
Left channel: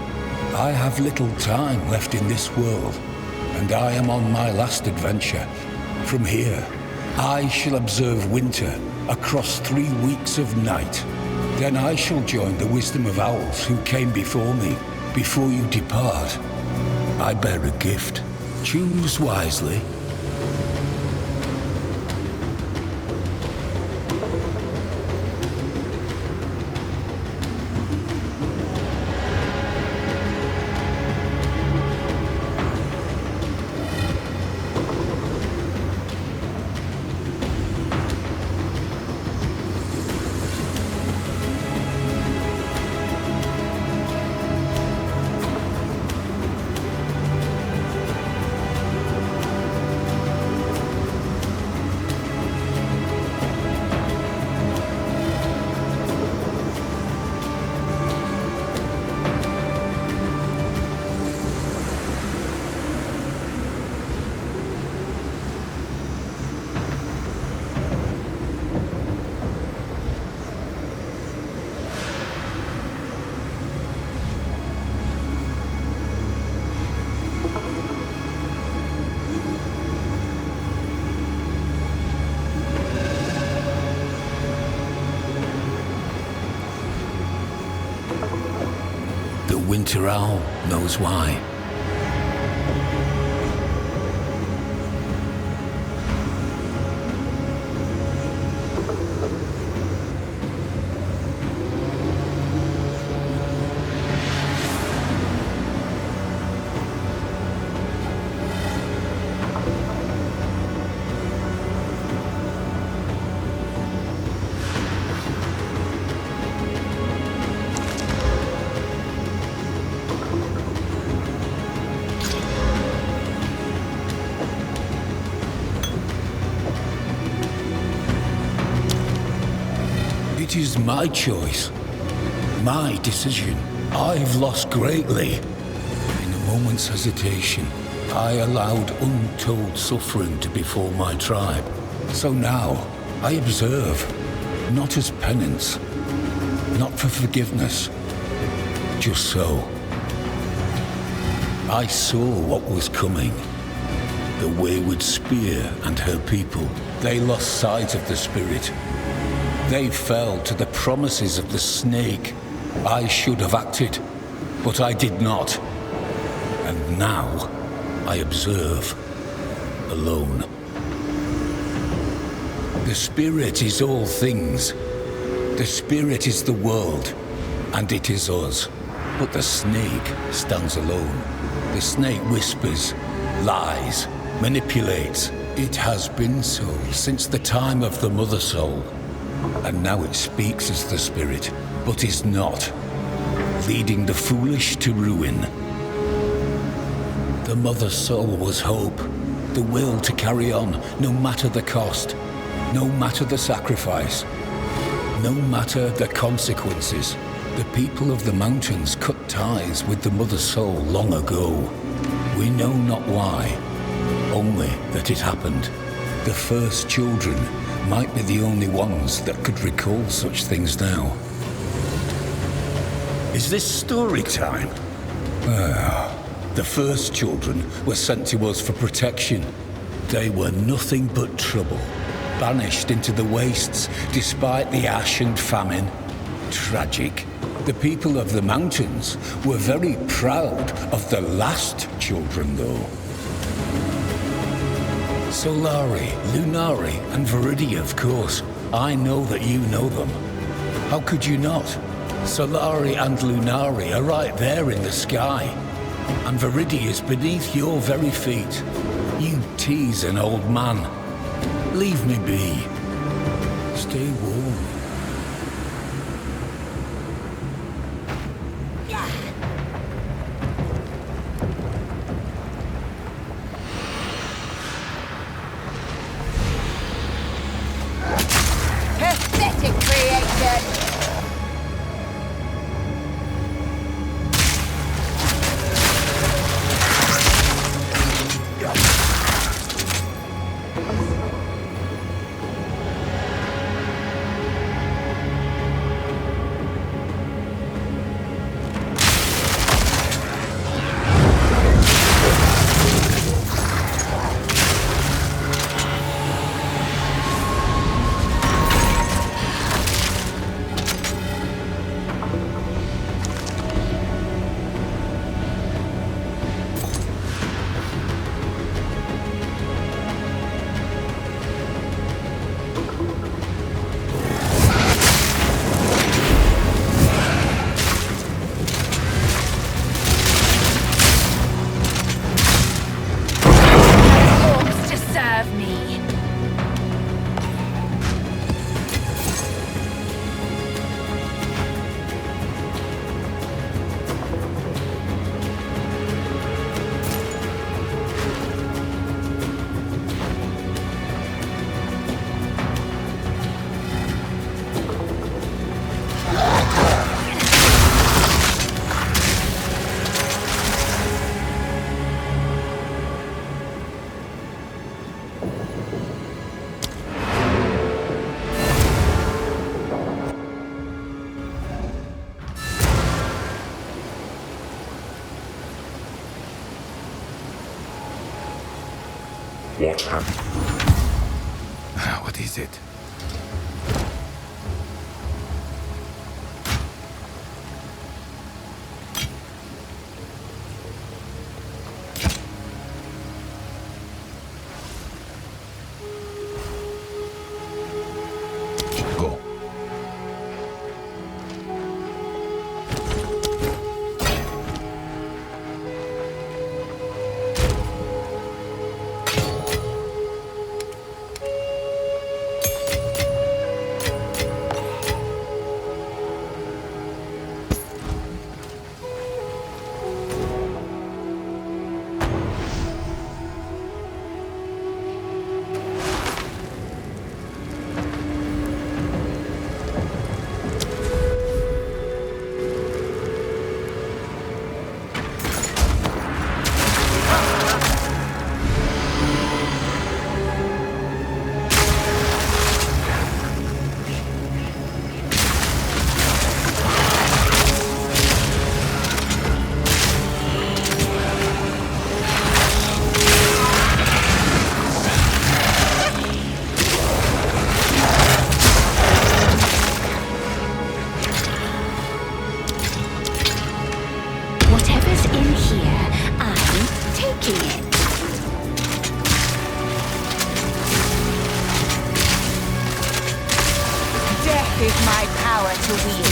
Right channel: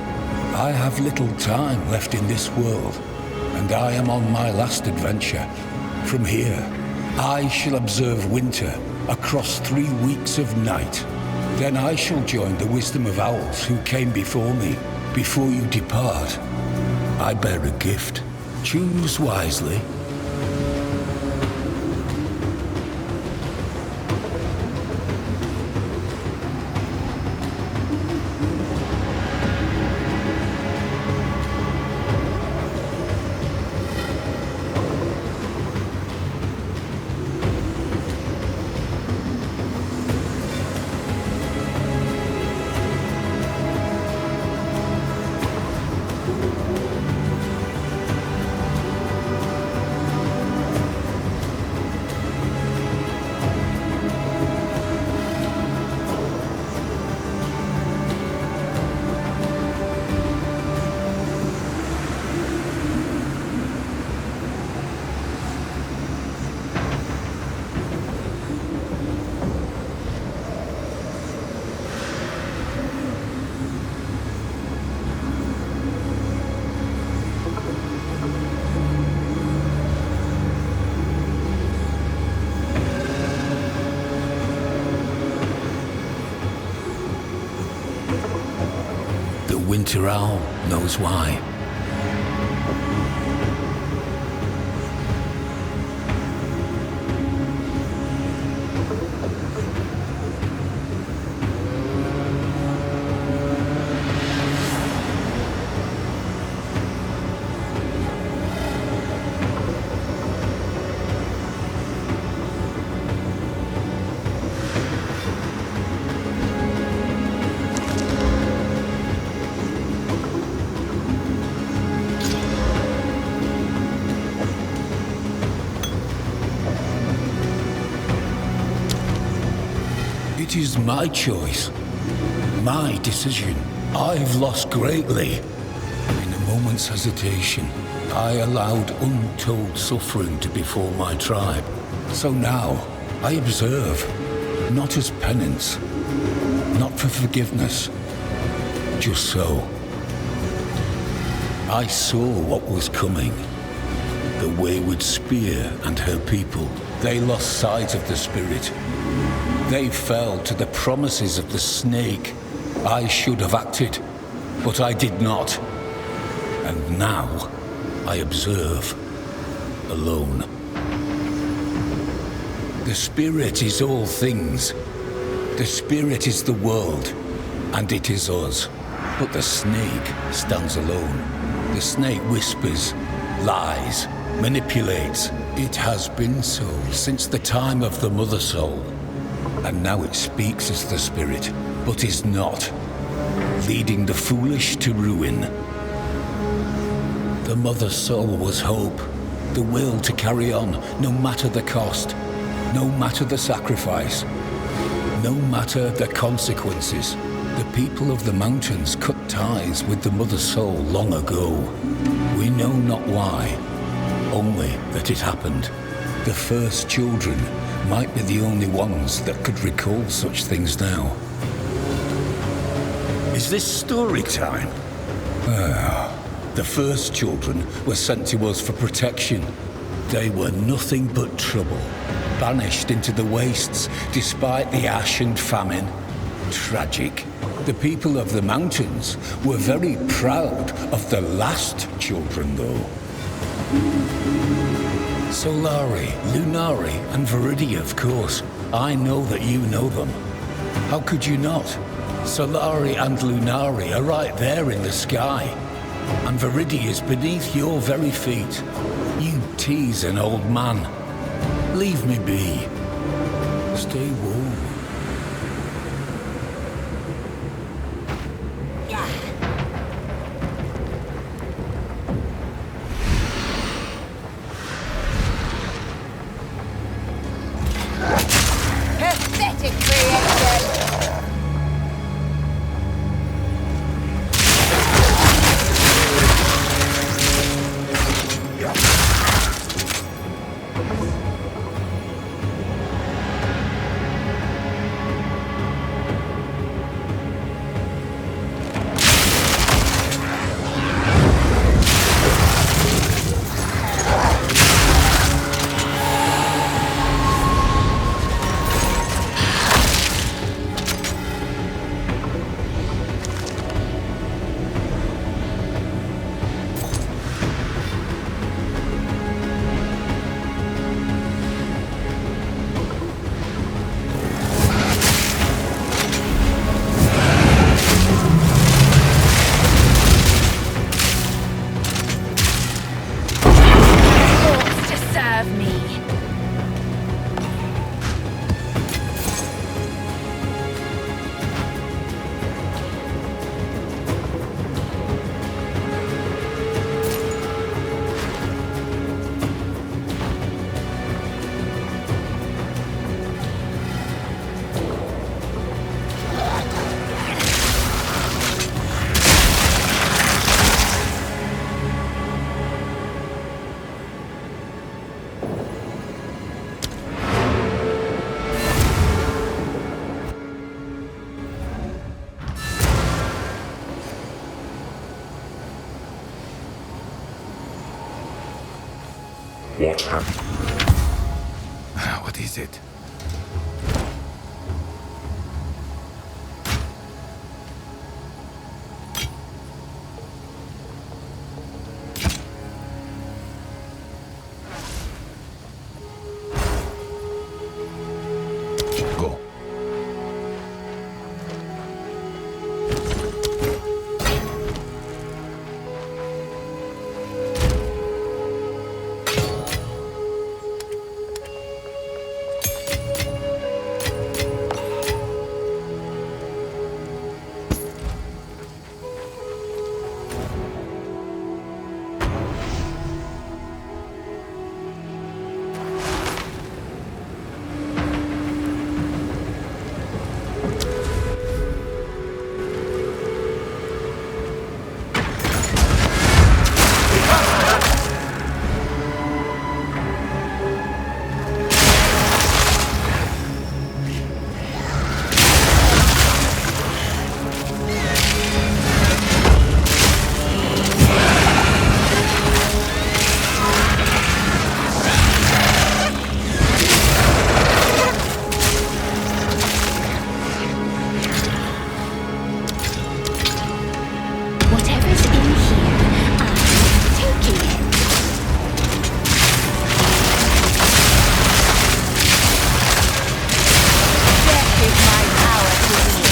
I have little time left in this world, and I am on my last adventure. From here, I shall observe winter across 3 weeks of night. Then I shall join the wisdom of owls who came before me. Before you depart, I bear a gift. Choose wisely. The Winter Owl knows why. It is my choice, my decision. I've lost greatly. In a moment's hesitation, I allowed untold suffering to befall my tribe. So now, I observe, not as penance, not for forgiveness, just so. I saw what was coming. The wayward spear and her people, they lost sight of the spirit. They fell to the promises of the snake. I should have acted, but I did not. And now, I observe, alone. The spirit is all things. The spirit is the world, and it is us. But the snake stands alone. The snake whispers, lies, manipulates. It has been so since the time of the Mother Soul. And now it speaks as the spirit, but is not, leading the foolish to ruin. The Mother Soul was hope, the will to carry on, no matter the cost, no matter the sacrifice, no matter the consequences. The people of the mountains cut ties with the Mother Soul long ago. We know not why, only that it happened. The first children might be the only ones that could recall such things now. Is this story time? The first children were sent to us for protection. They were nothing but trouble, banished into the wastes despite the ash and famine. Tragic. The people of the mountains were very proud of the last children, though. Solari, Lunari, and Viridia, of course. I know that you know them. How could you not? Solari and Lunari are right there in the sky. And Viridia is beneath your very feet. You tease an old man. Leave me be. Stay warm. Pathetic creation! What happened? What is it? Go. my power to wield.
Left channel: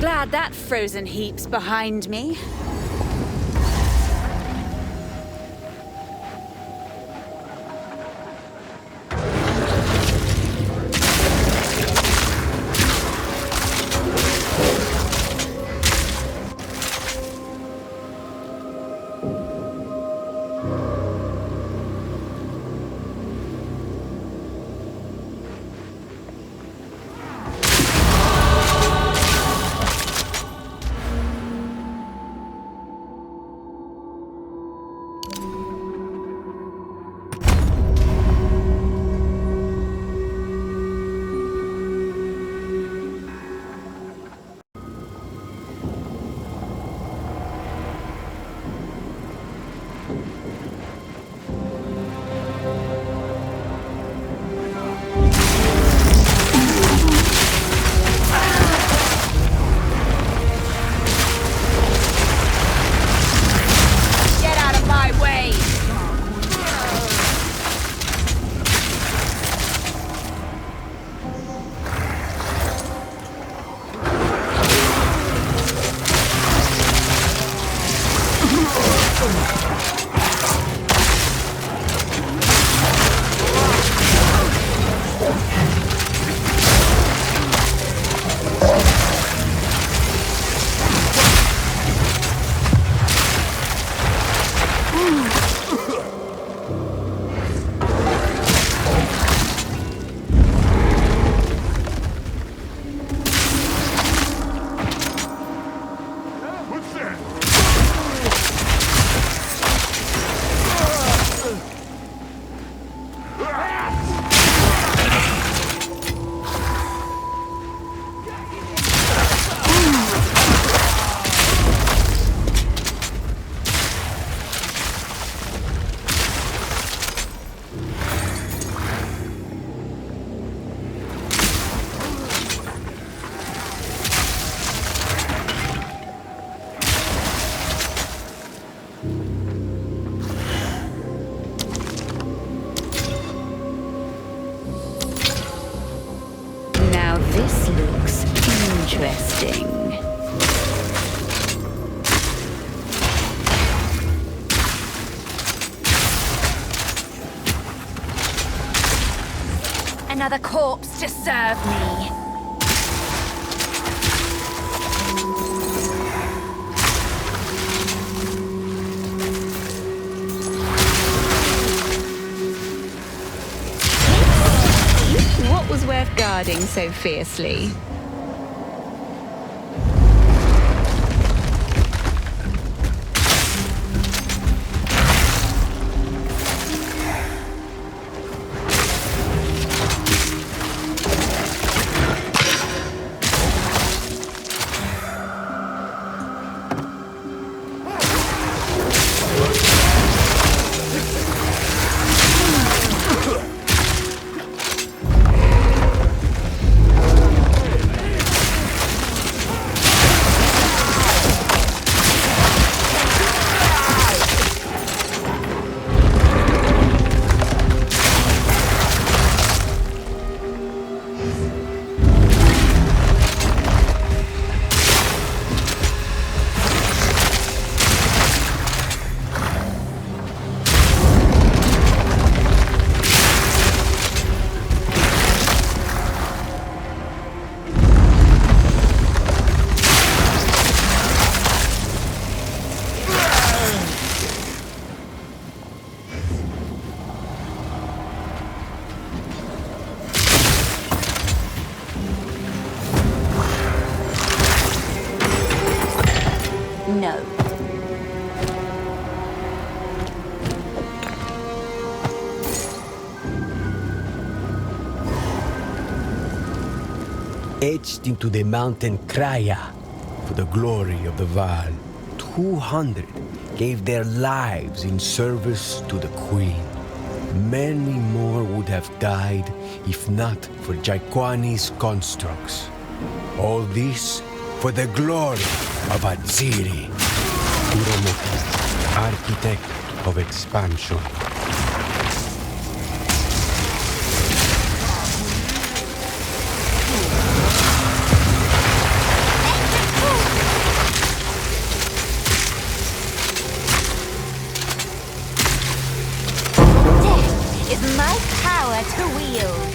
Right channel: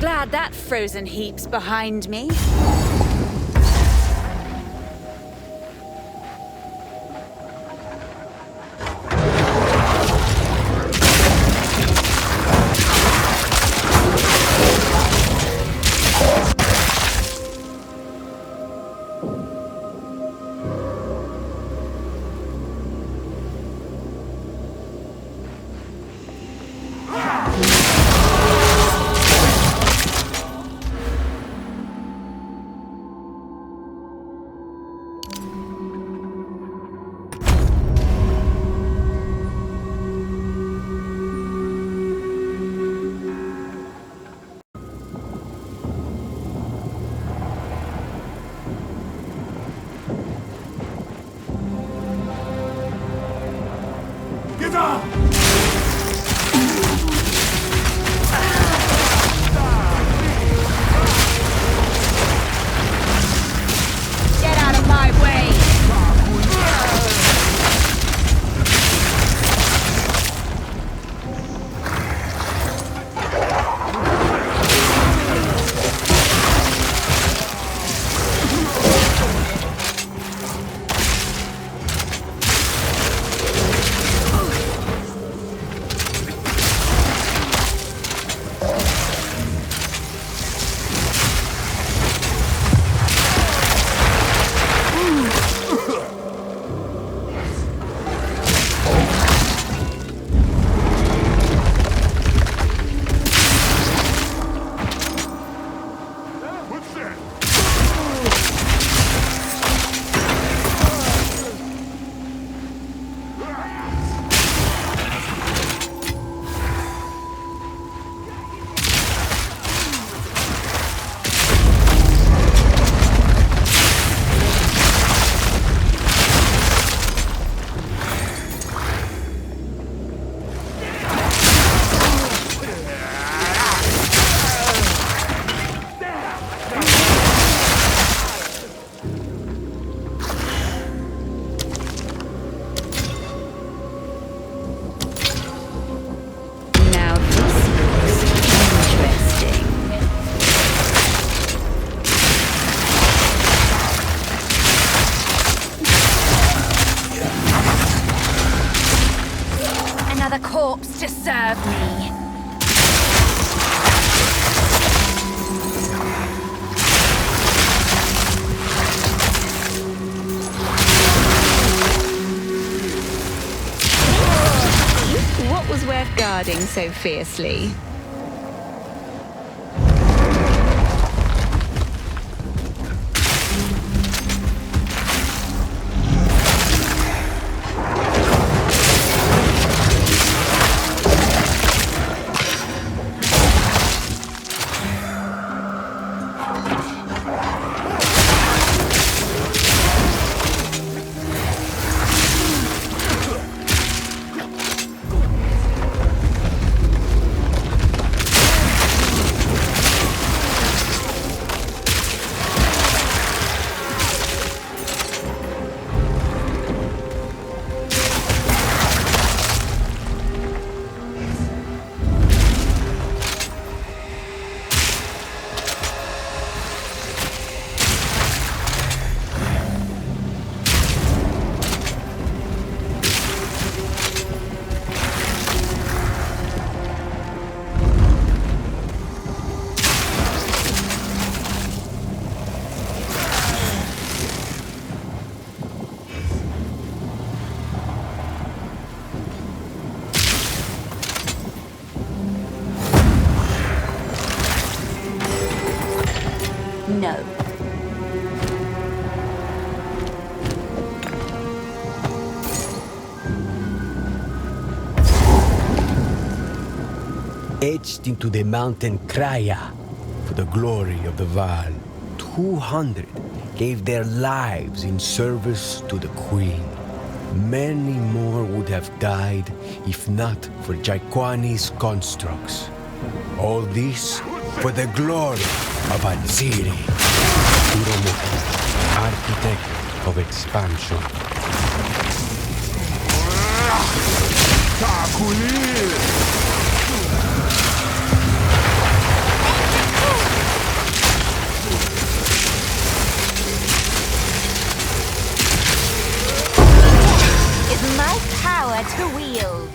Glad that frozen heap's behind me. Now this looks interesting. Another corpse to serve me. What was worth guarding so fiercely? No. Etched into the mountain Kraya, for the glory of the Val, 200 gave their lives in service to the Queen. Many more would have died if not for Jaquani's constructs. All this for the glory of Aziri, Uromuki, architect of expansion. Is my power to wield.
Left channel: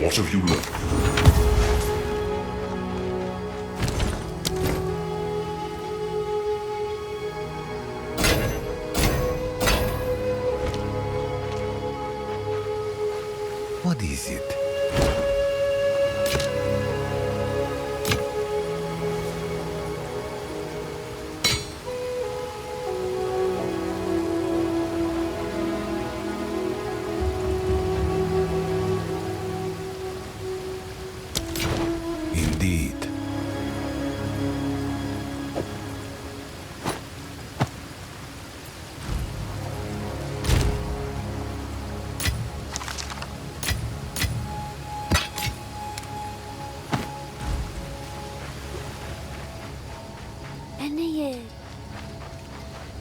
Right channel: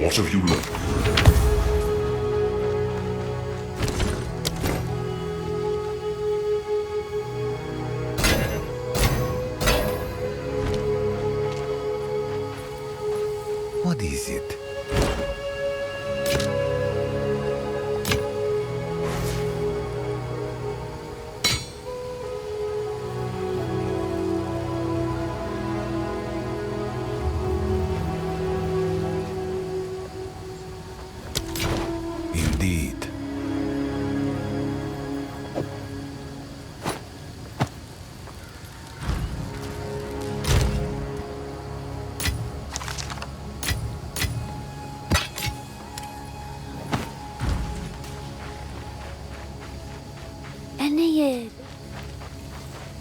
What have you learned? What is it? Indeed.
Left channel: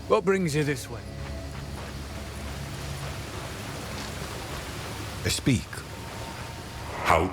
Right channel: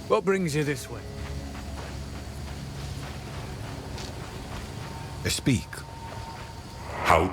What brings you this way? Speak. How?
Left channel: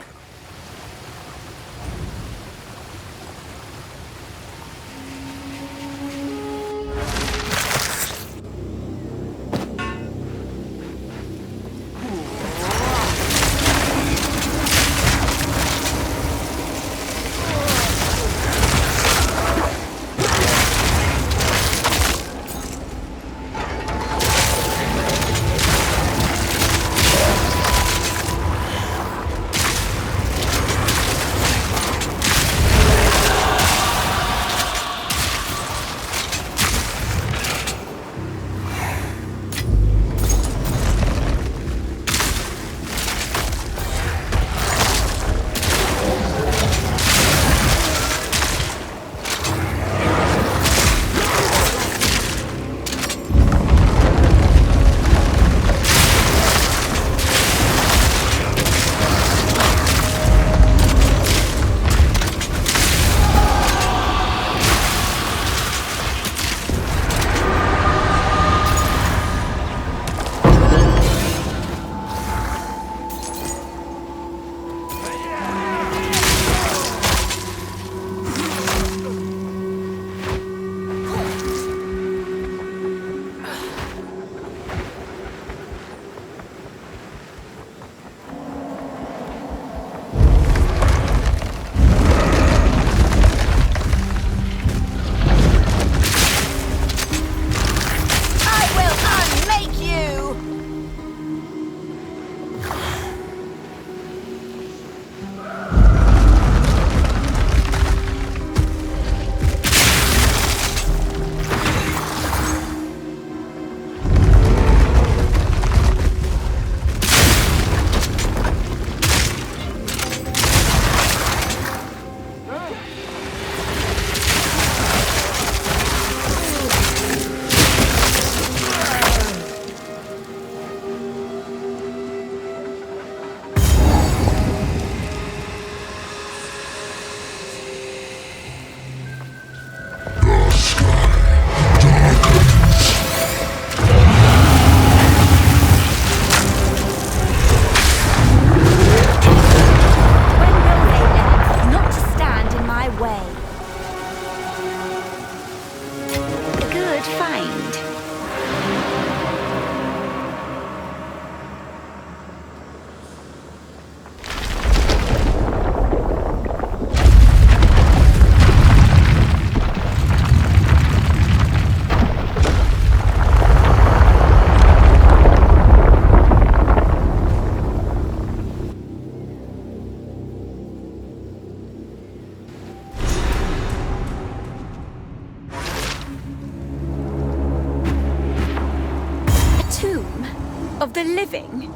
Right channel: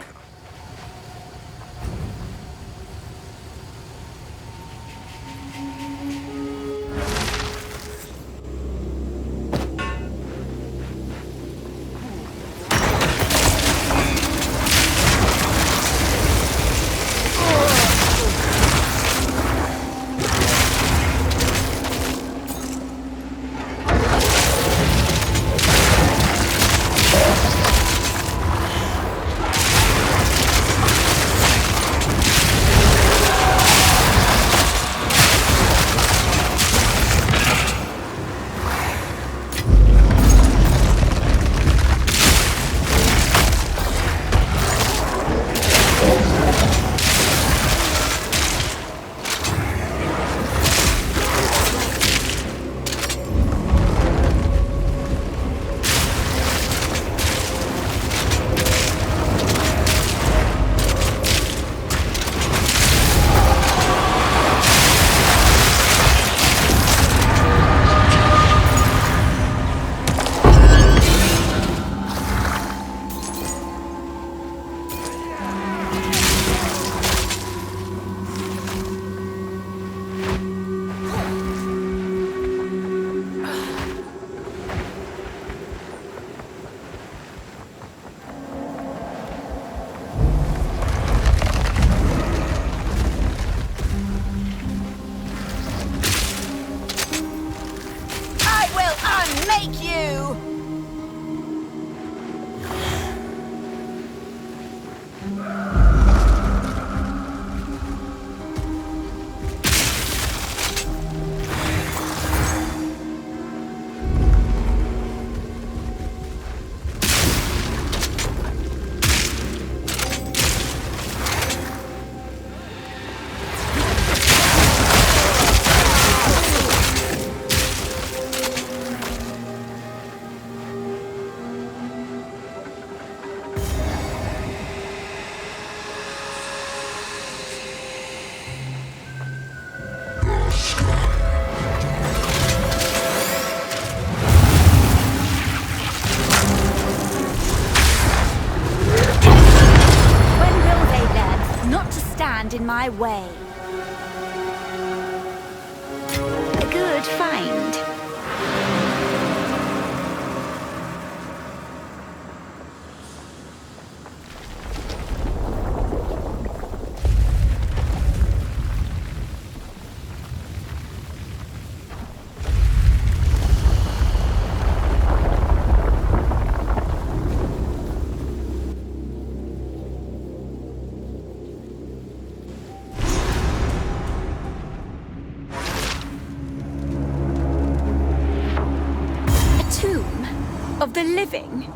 the living?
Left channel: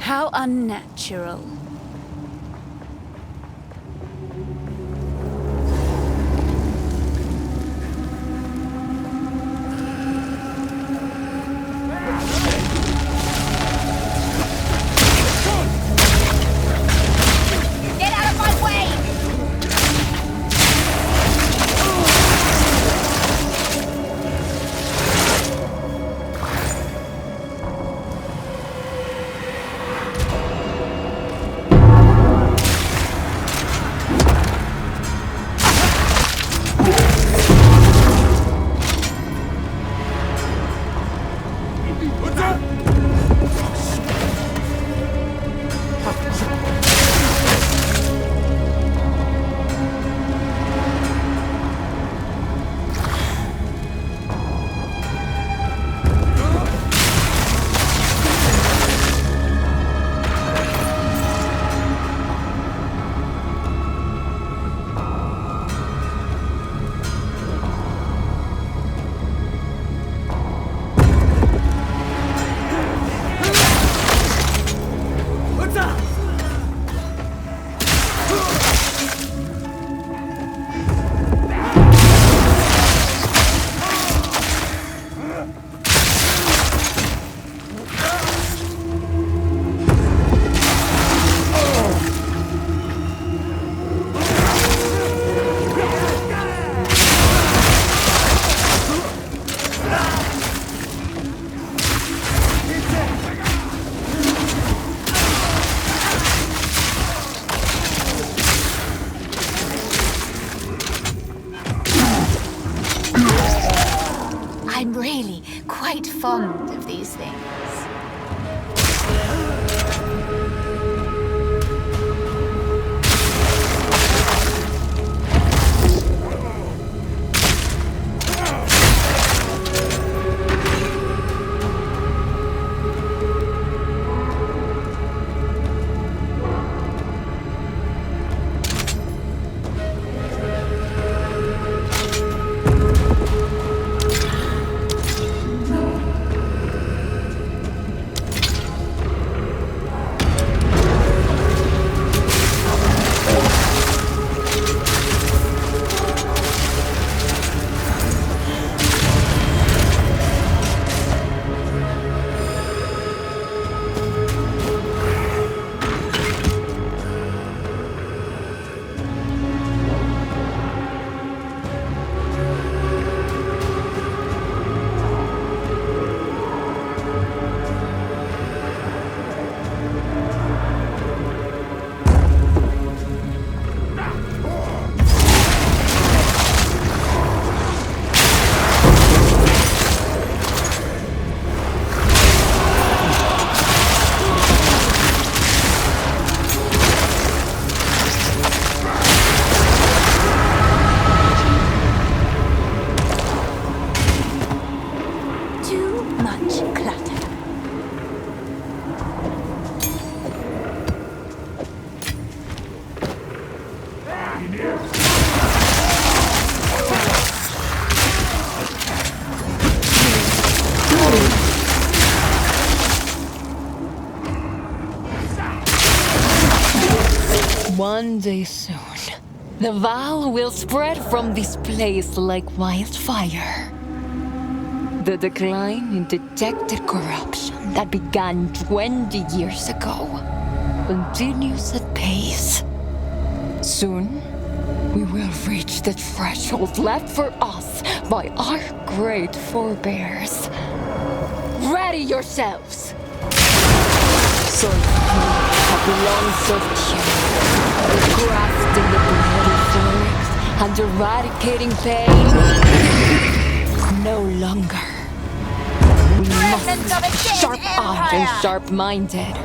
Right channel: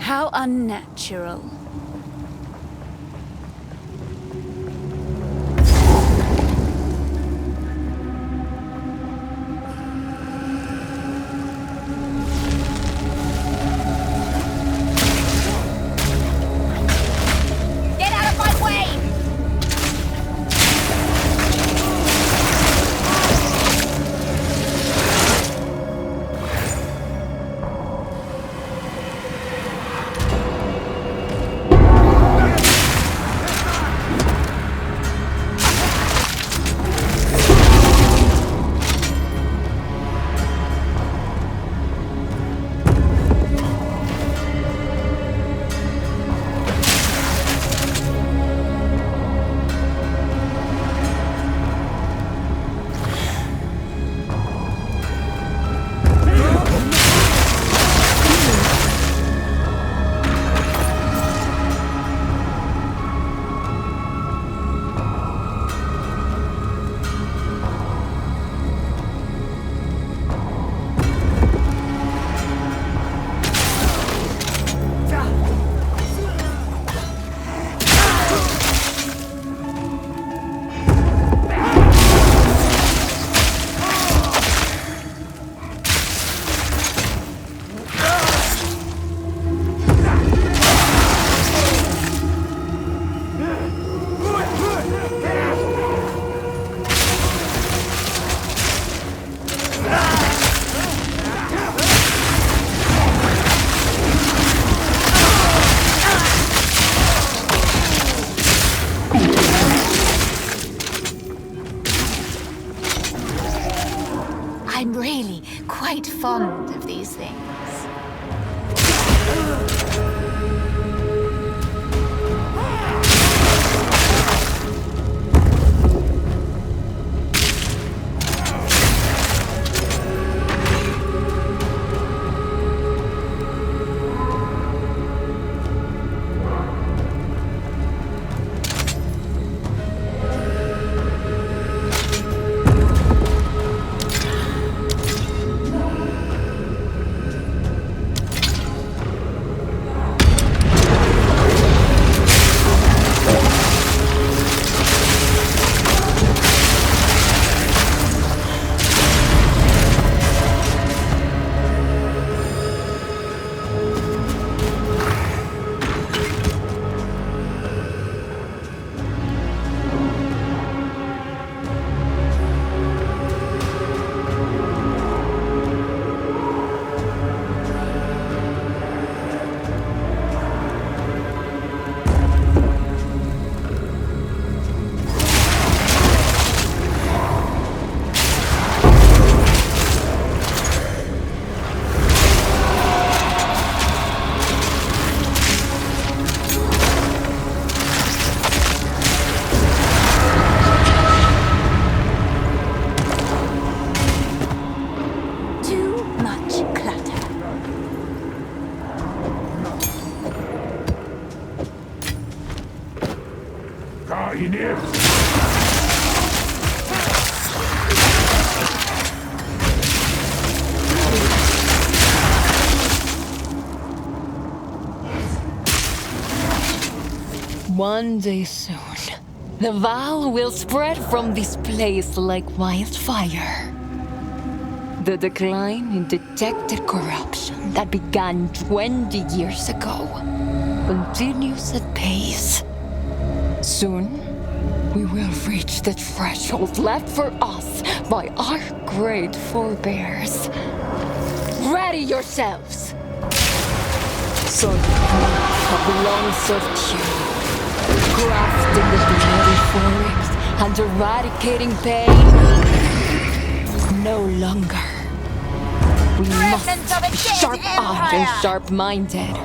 How unnatural. Get out of my way! I'm really quite fond of these things. One day soon, the Val will spread from this place like wildfire. The decline in detected corruption that began 20 years ago continues at pace. Soon, we will reach the threshold left for us by our great forebears. Ready yourselves! Swordsmen have long served here, crafting the bloody forest and eradicating pain. No longer. We must be sharp-eyed and sharp-minded.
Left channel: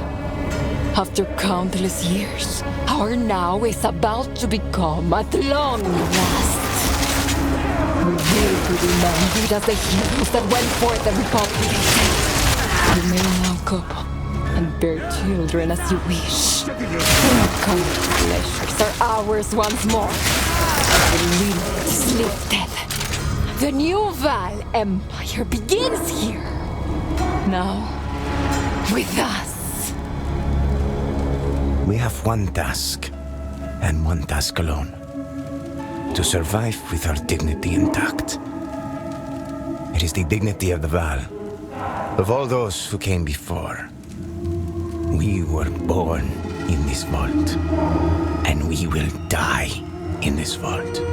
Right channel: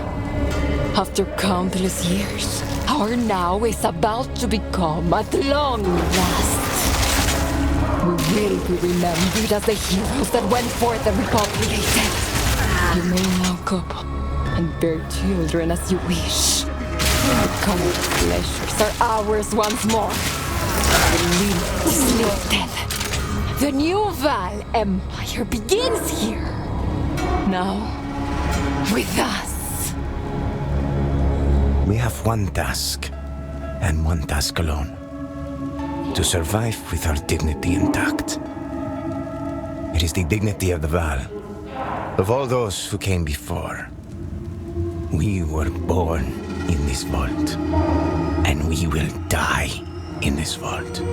After countless years, our now is about to become at long last. We will be remembered as the heroes that went forth and repopulated. You may now couple and bear children as you wish. Countless pleasures are ours once more. The limit is lifted. The new Val Empire begins here. Now, with us. We have one task, and one task alone. To survive with our dignity intact. It is the dignity of the Val, of all those who came before. We were born in this vault, and we will die in this vault.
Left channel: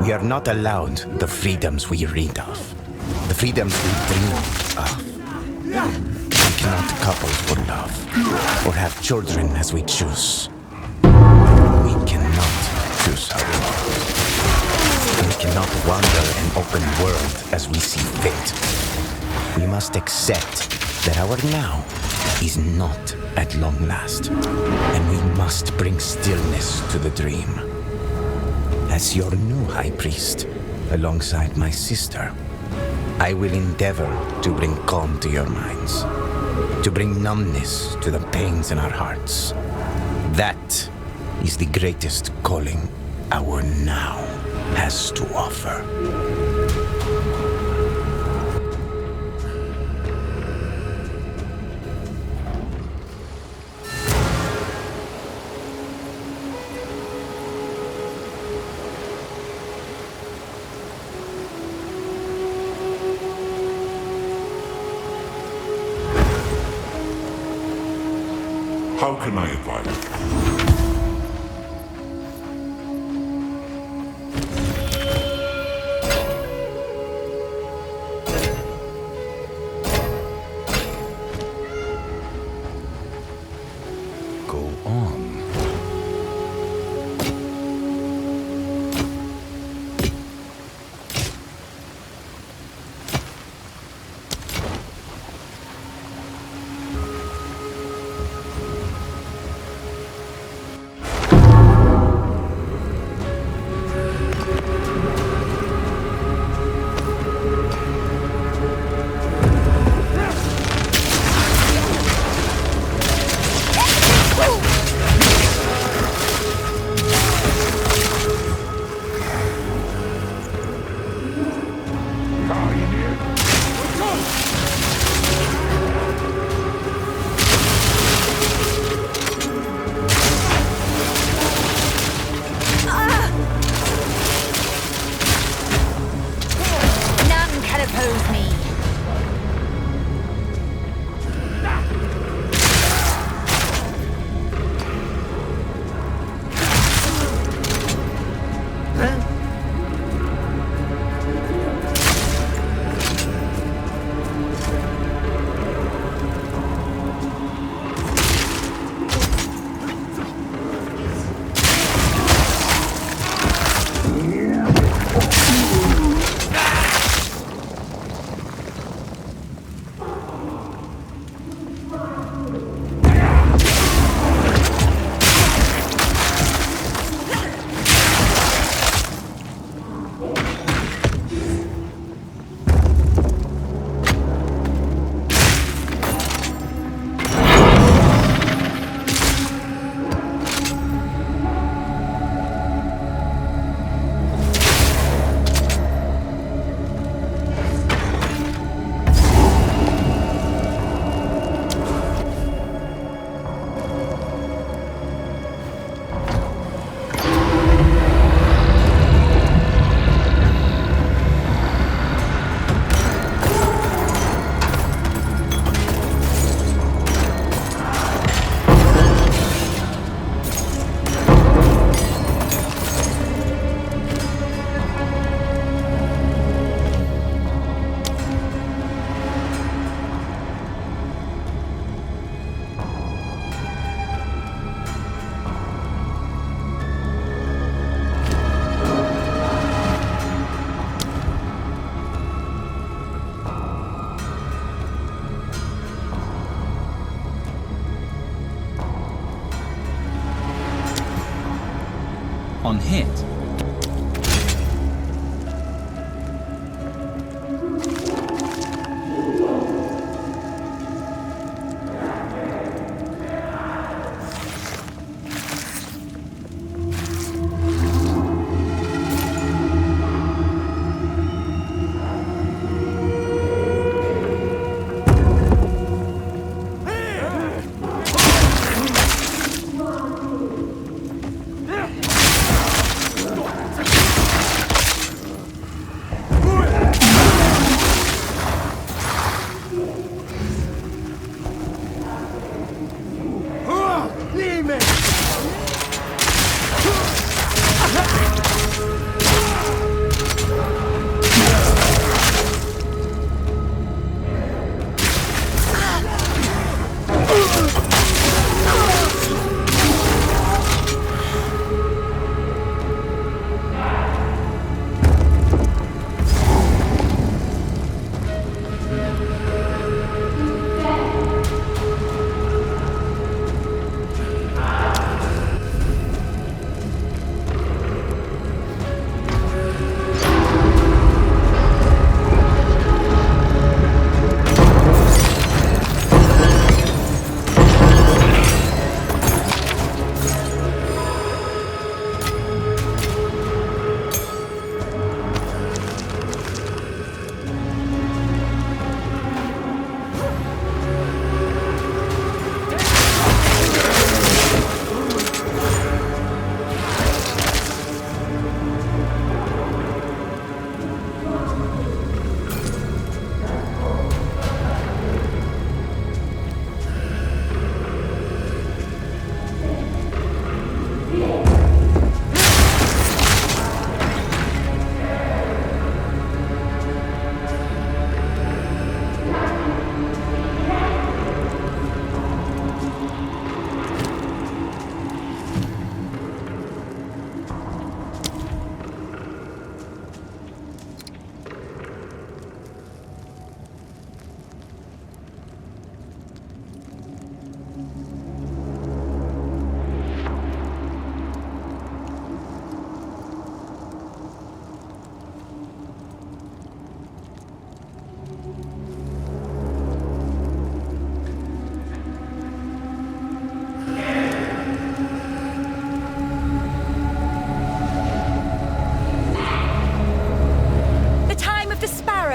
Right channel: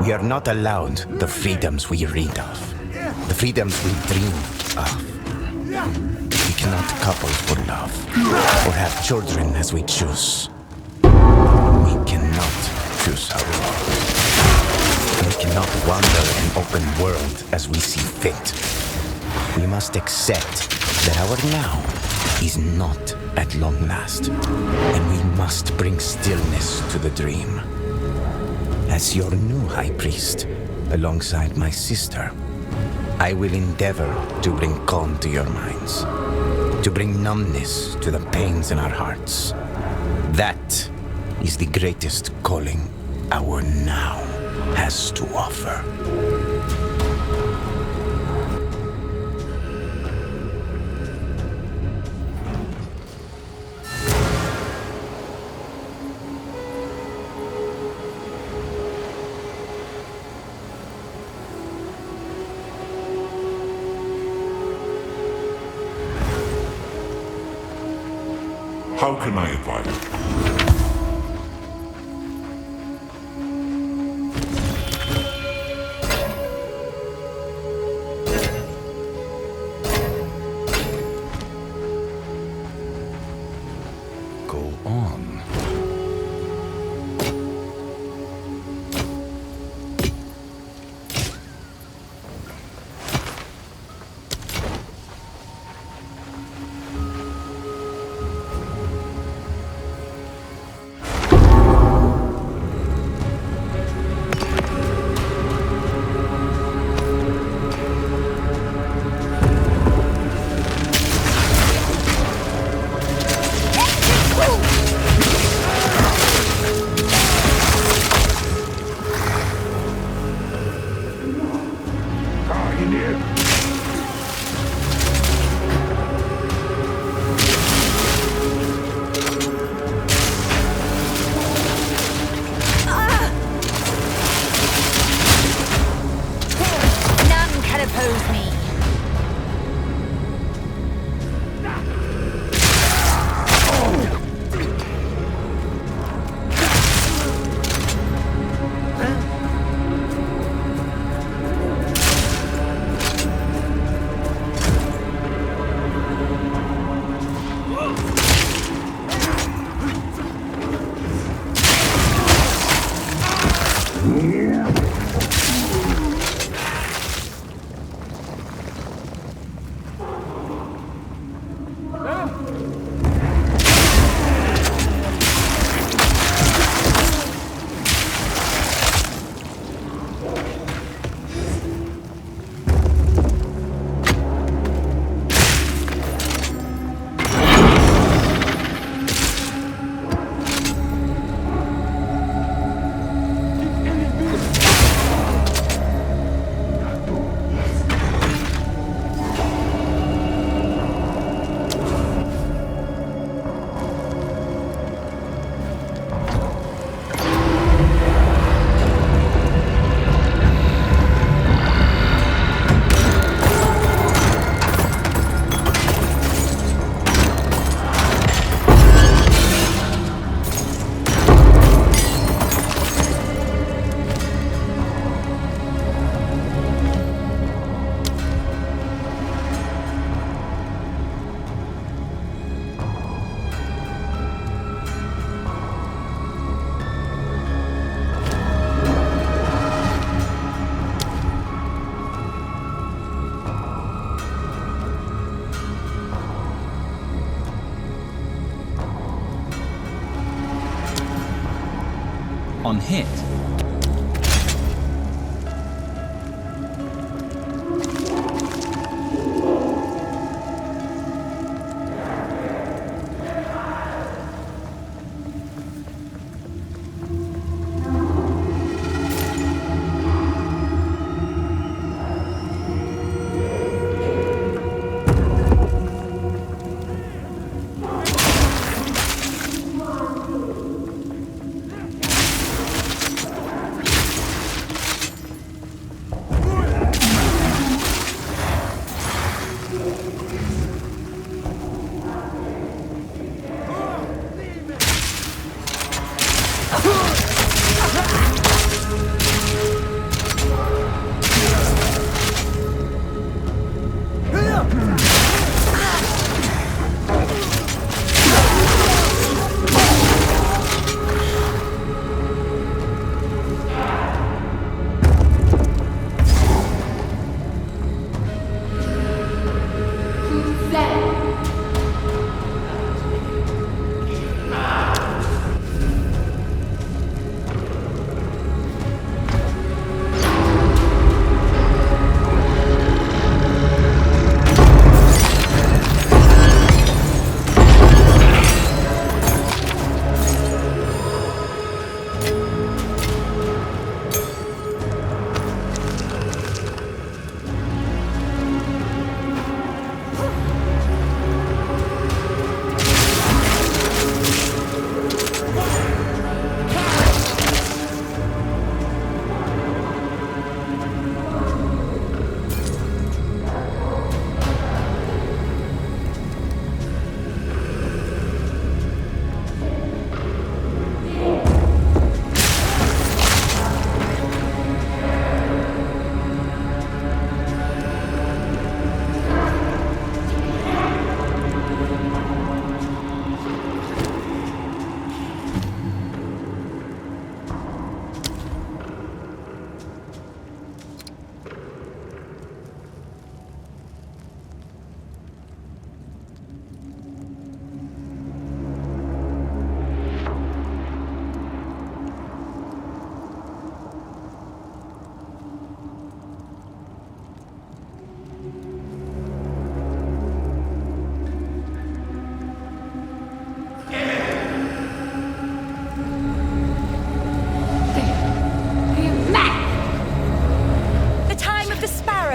We are not allowed the freedoms we read of, the freedoms we dream of. We cannot couple for love, or have children as we choose. We cannot choose our roles. We cannot wander an open world as we see fit. We must accept that our now is not at long last, and we must bring stillness to the dream. As your new high priest, alongside my sister, I will endeavor to bring calm to your minds, to bring numbness to the pains in our hearts. That is the greatest calling our now has to offer. How can I advise? Go on. None can oppose me. On hit,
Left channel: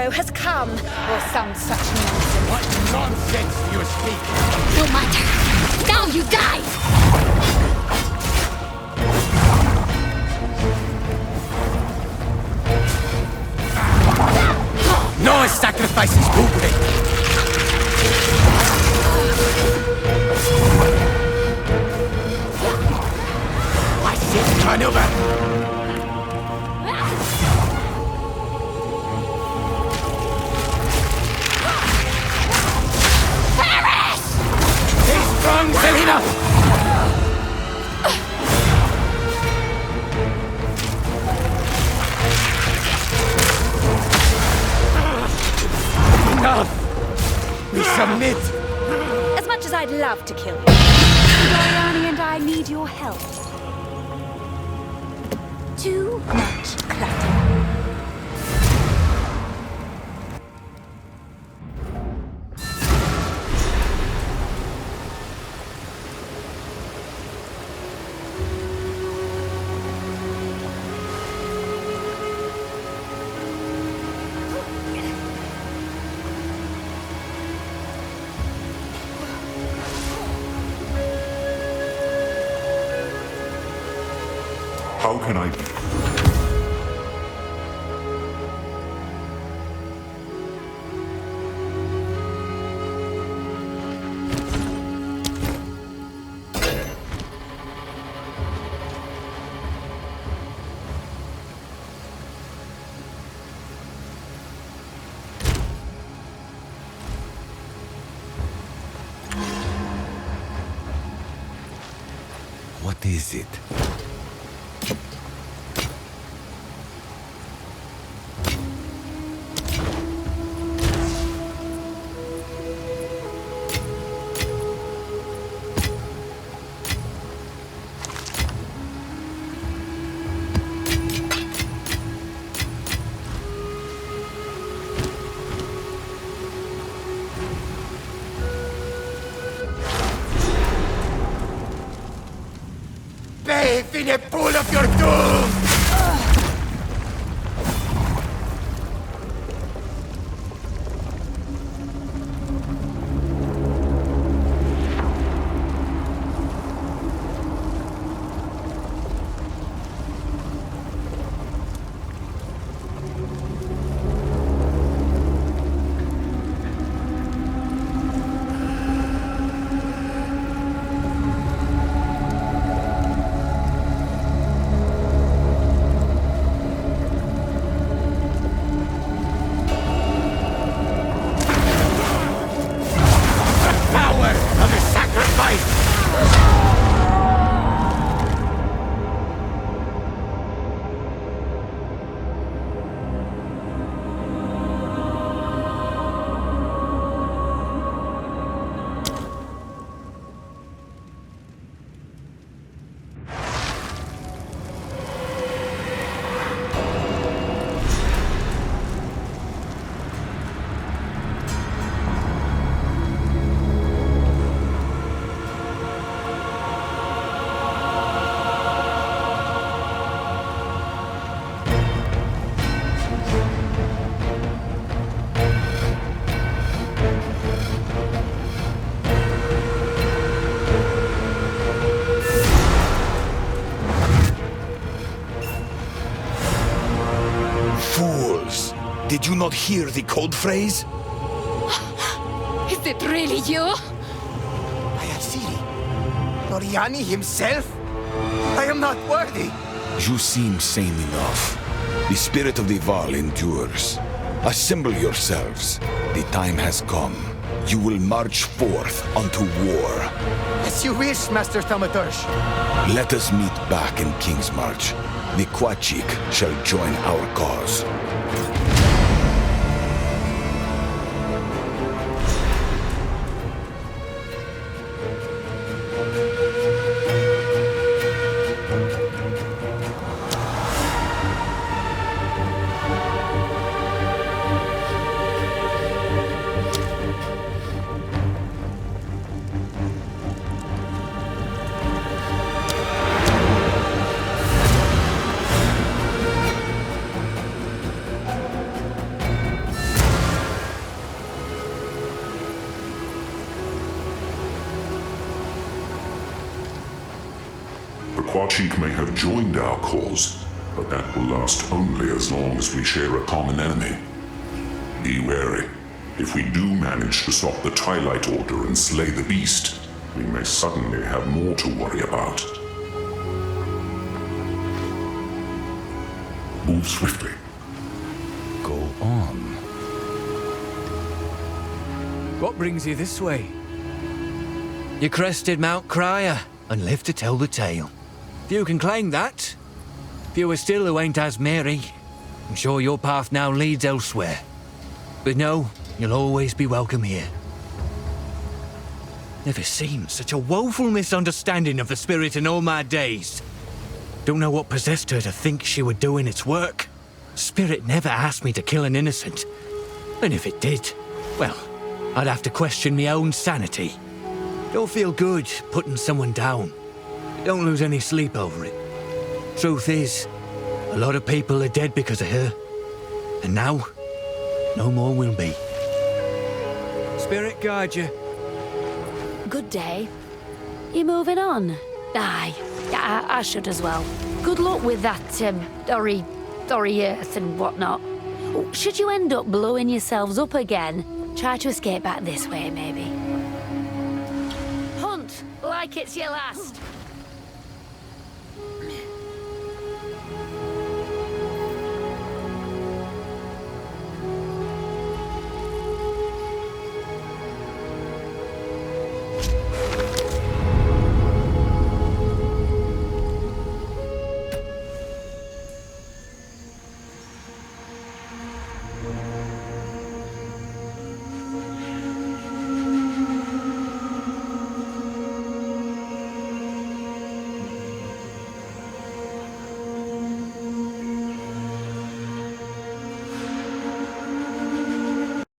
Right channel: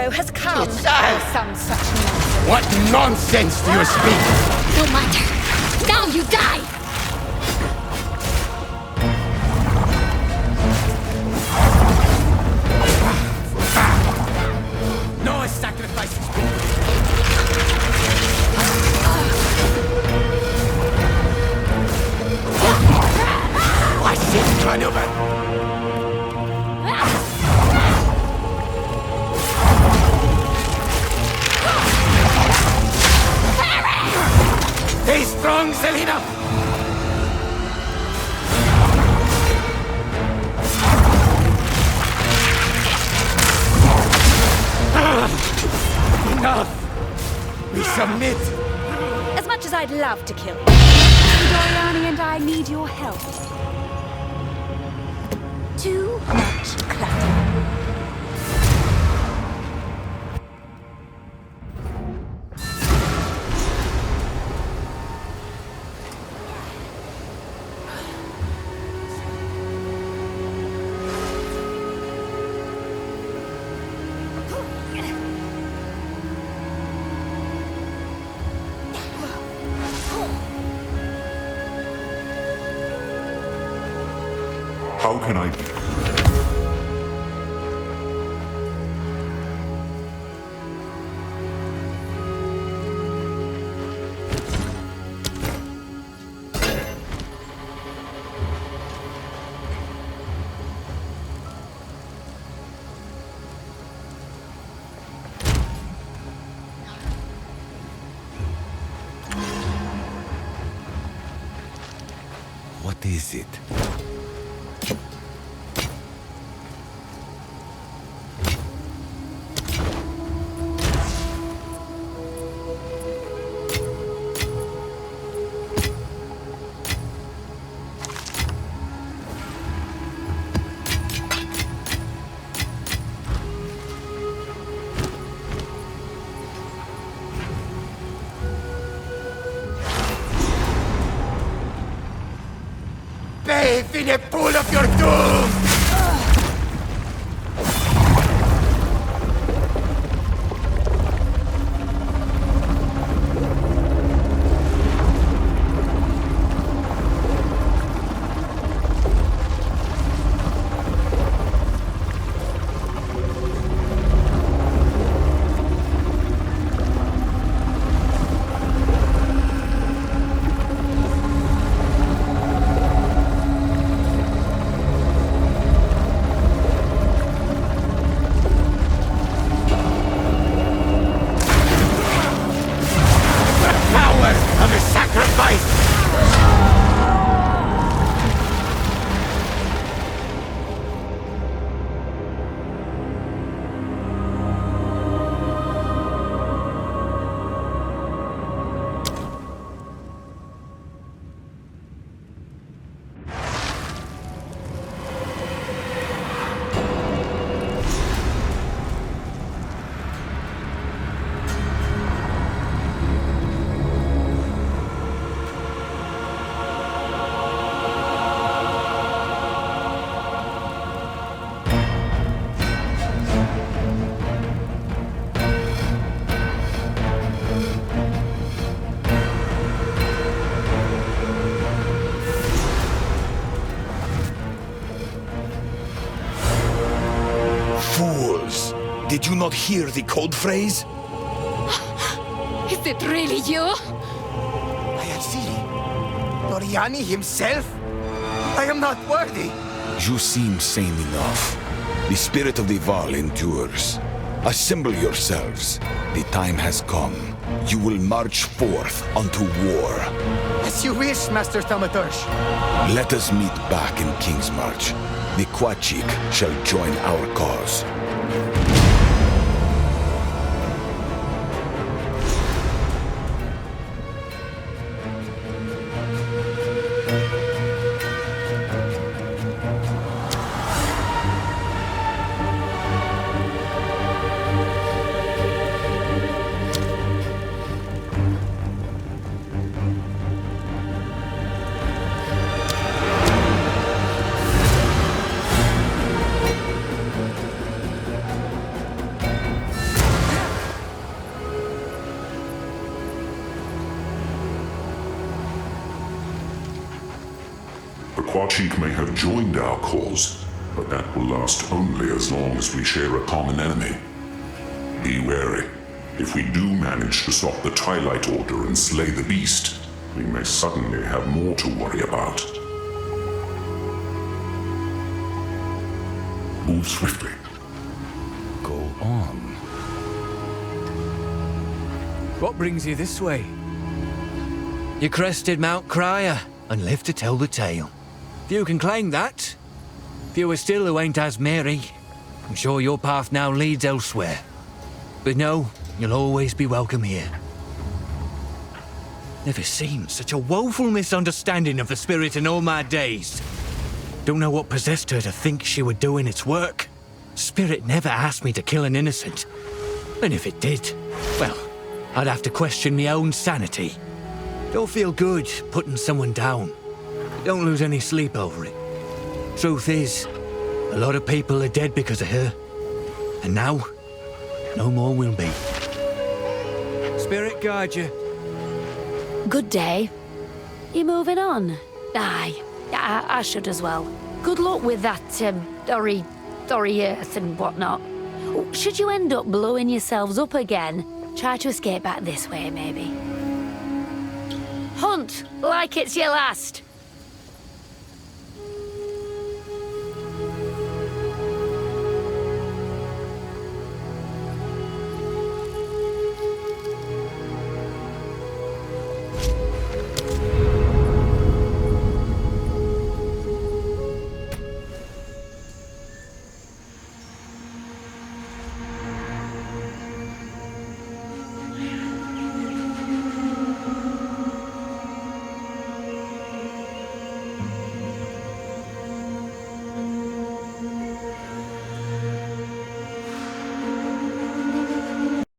hero has come, or some such nonsense. What nonsense do you speak? No matter. Now you die! No sacrifices movement. Watch this maneuver. Stay strong, Selena! Enough! We submit! As much as I'd love to kill you, Doriani and I need your help. Too much clutter. How can I... What is it? Bathe in a pool of your doom! Fools! Did you not hear the code phrase? Is it really you? Ayalsiri? Doriani himself? I am not worthy! You seem sane enough. The spirit of the Val endures. Assemble yourselves. The time has come. You will march forth unto war. As you wish, Master Thaumaturge. Let us meet back in Kingsmarch. The Quachik shall join our cause. The Quachik may have joined our cause, but that will last only as long as we share a common enemy. Be wary. If we do manage to stop the Twilight Order and slay the beast, we may suddenly have more to worry about. Move swiftly. Go on. What brings you this way? You crested Mount Crier and live to tell the tale. Few can claim that. Fewer still who ain't as Mary. I'm sure your path now leads elsewhere. But no, you'll always be welcome here. Never seen such a woeful misunderstanding of the spirit in all my days. Don't know what possessed her to think she were doing its work. Spirit never asked me to kill an innocent. And if it did, well, I'd have to question my own sanity. Don't feel good putting someone down. Don't lose any sleep over it. Truth is, a lot of people are dead because of her. And now, no more will be. Spirit guide you. Good day. You moving on? Aye, I should as well. Good luck with that, Dory Earth and whatnot. Should you end up blowing yourselves up again, try to escape back this way, maybe. Hunt like it's your last.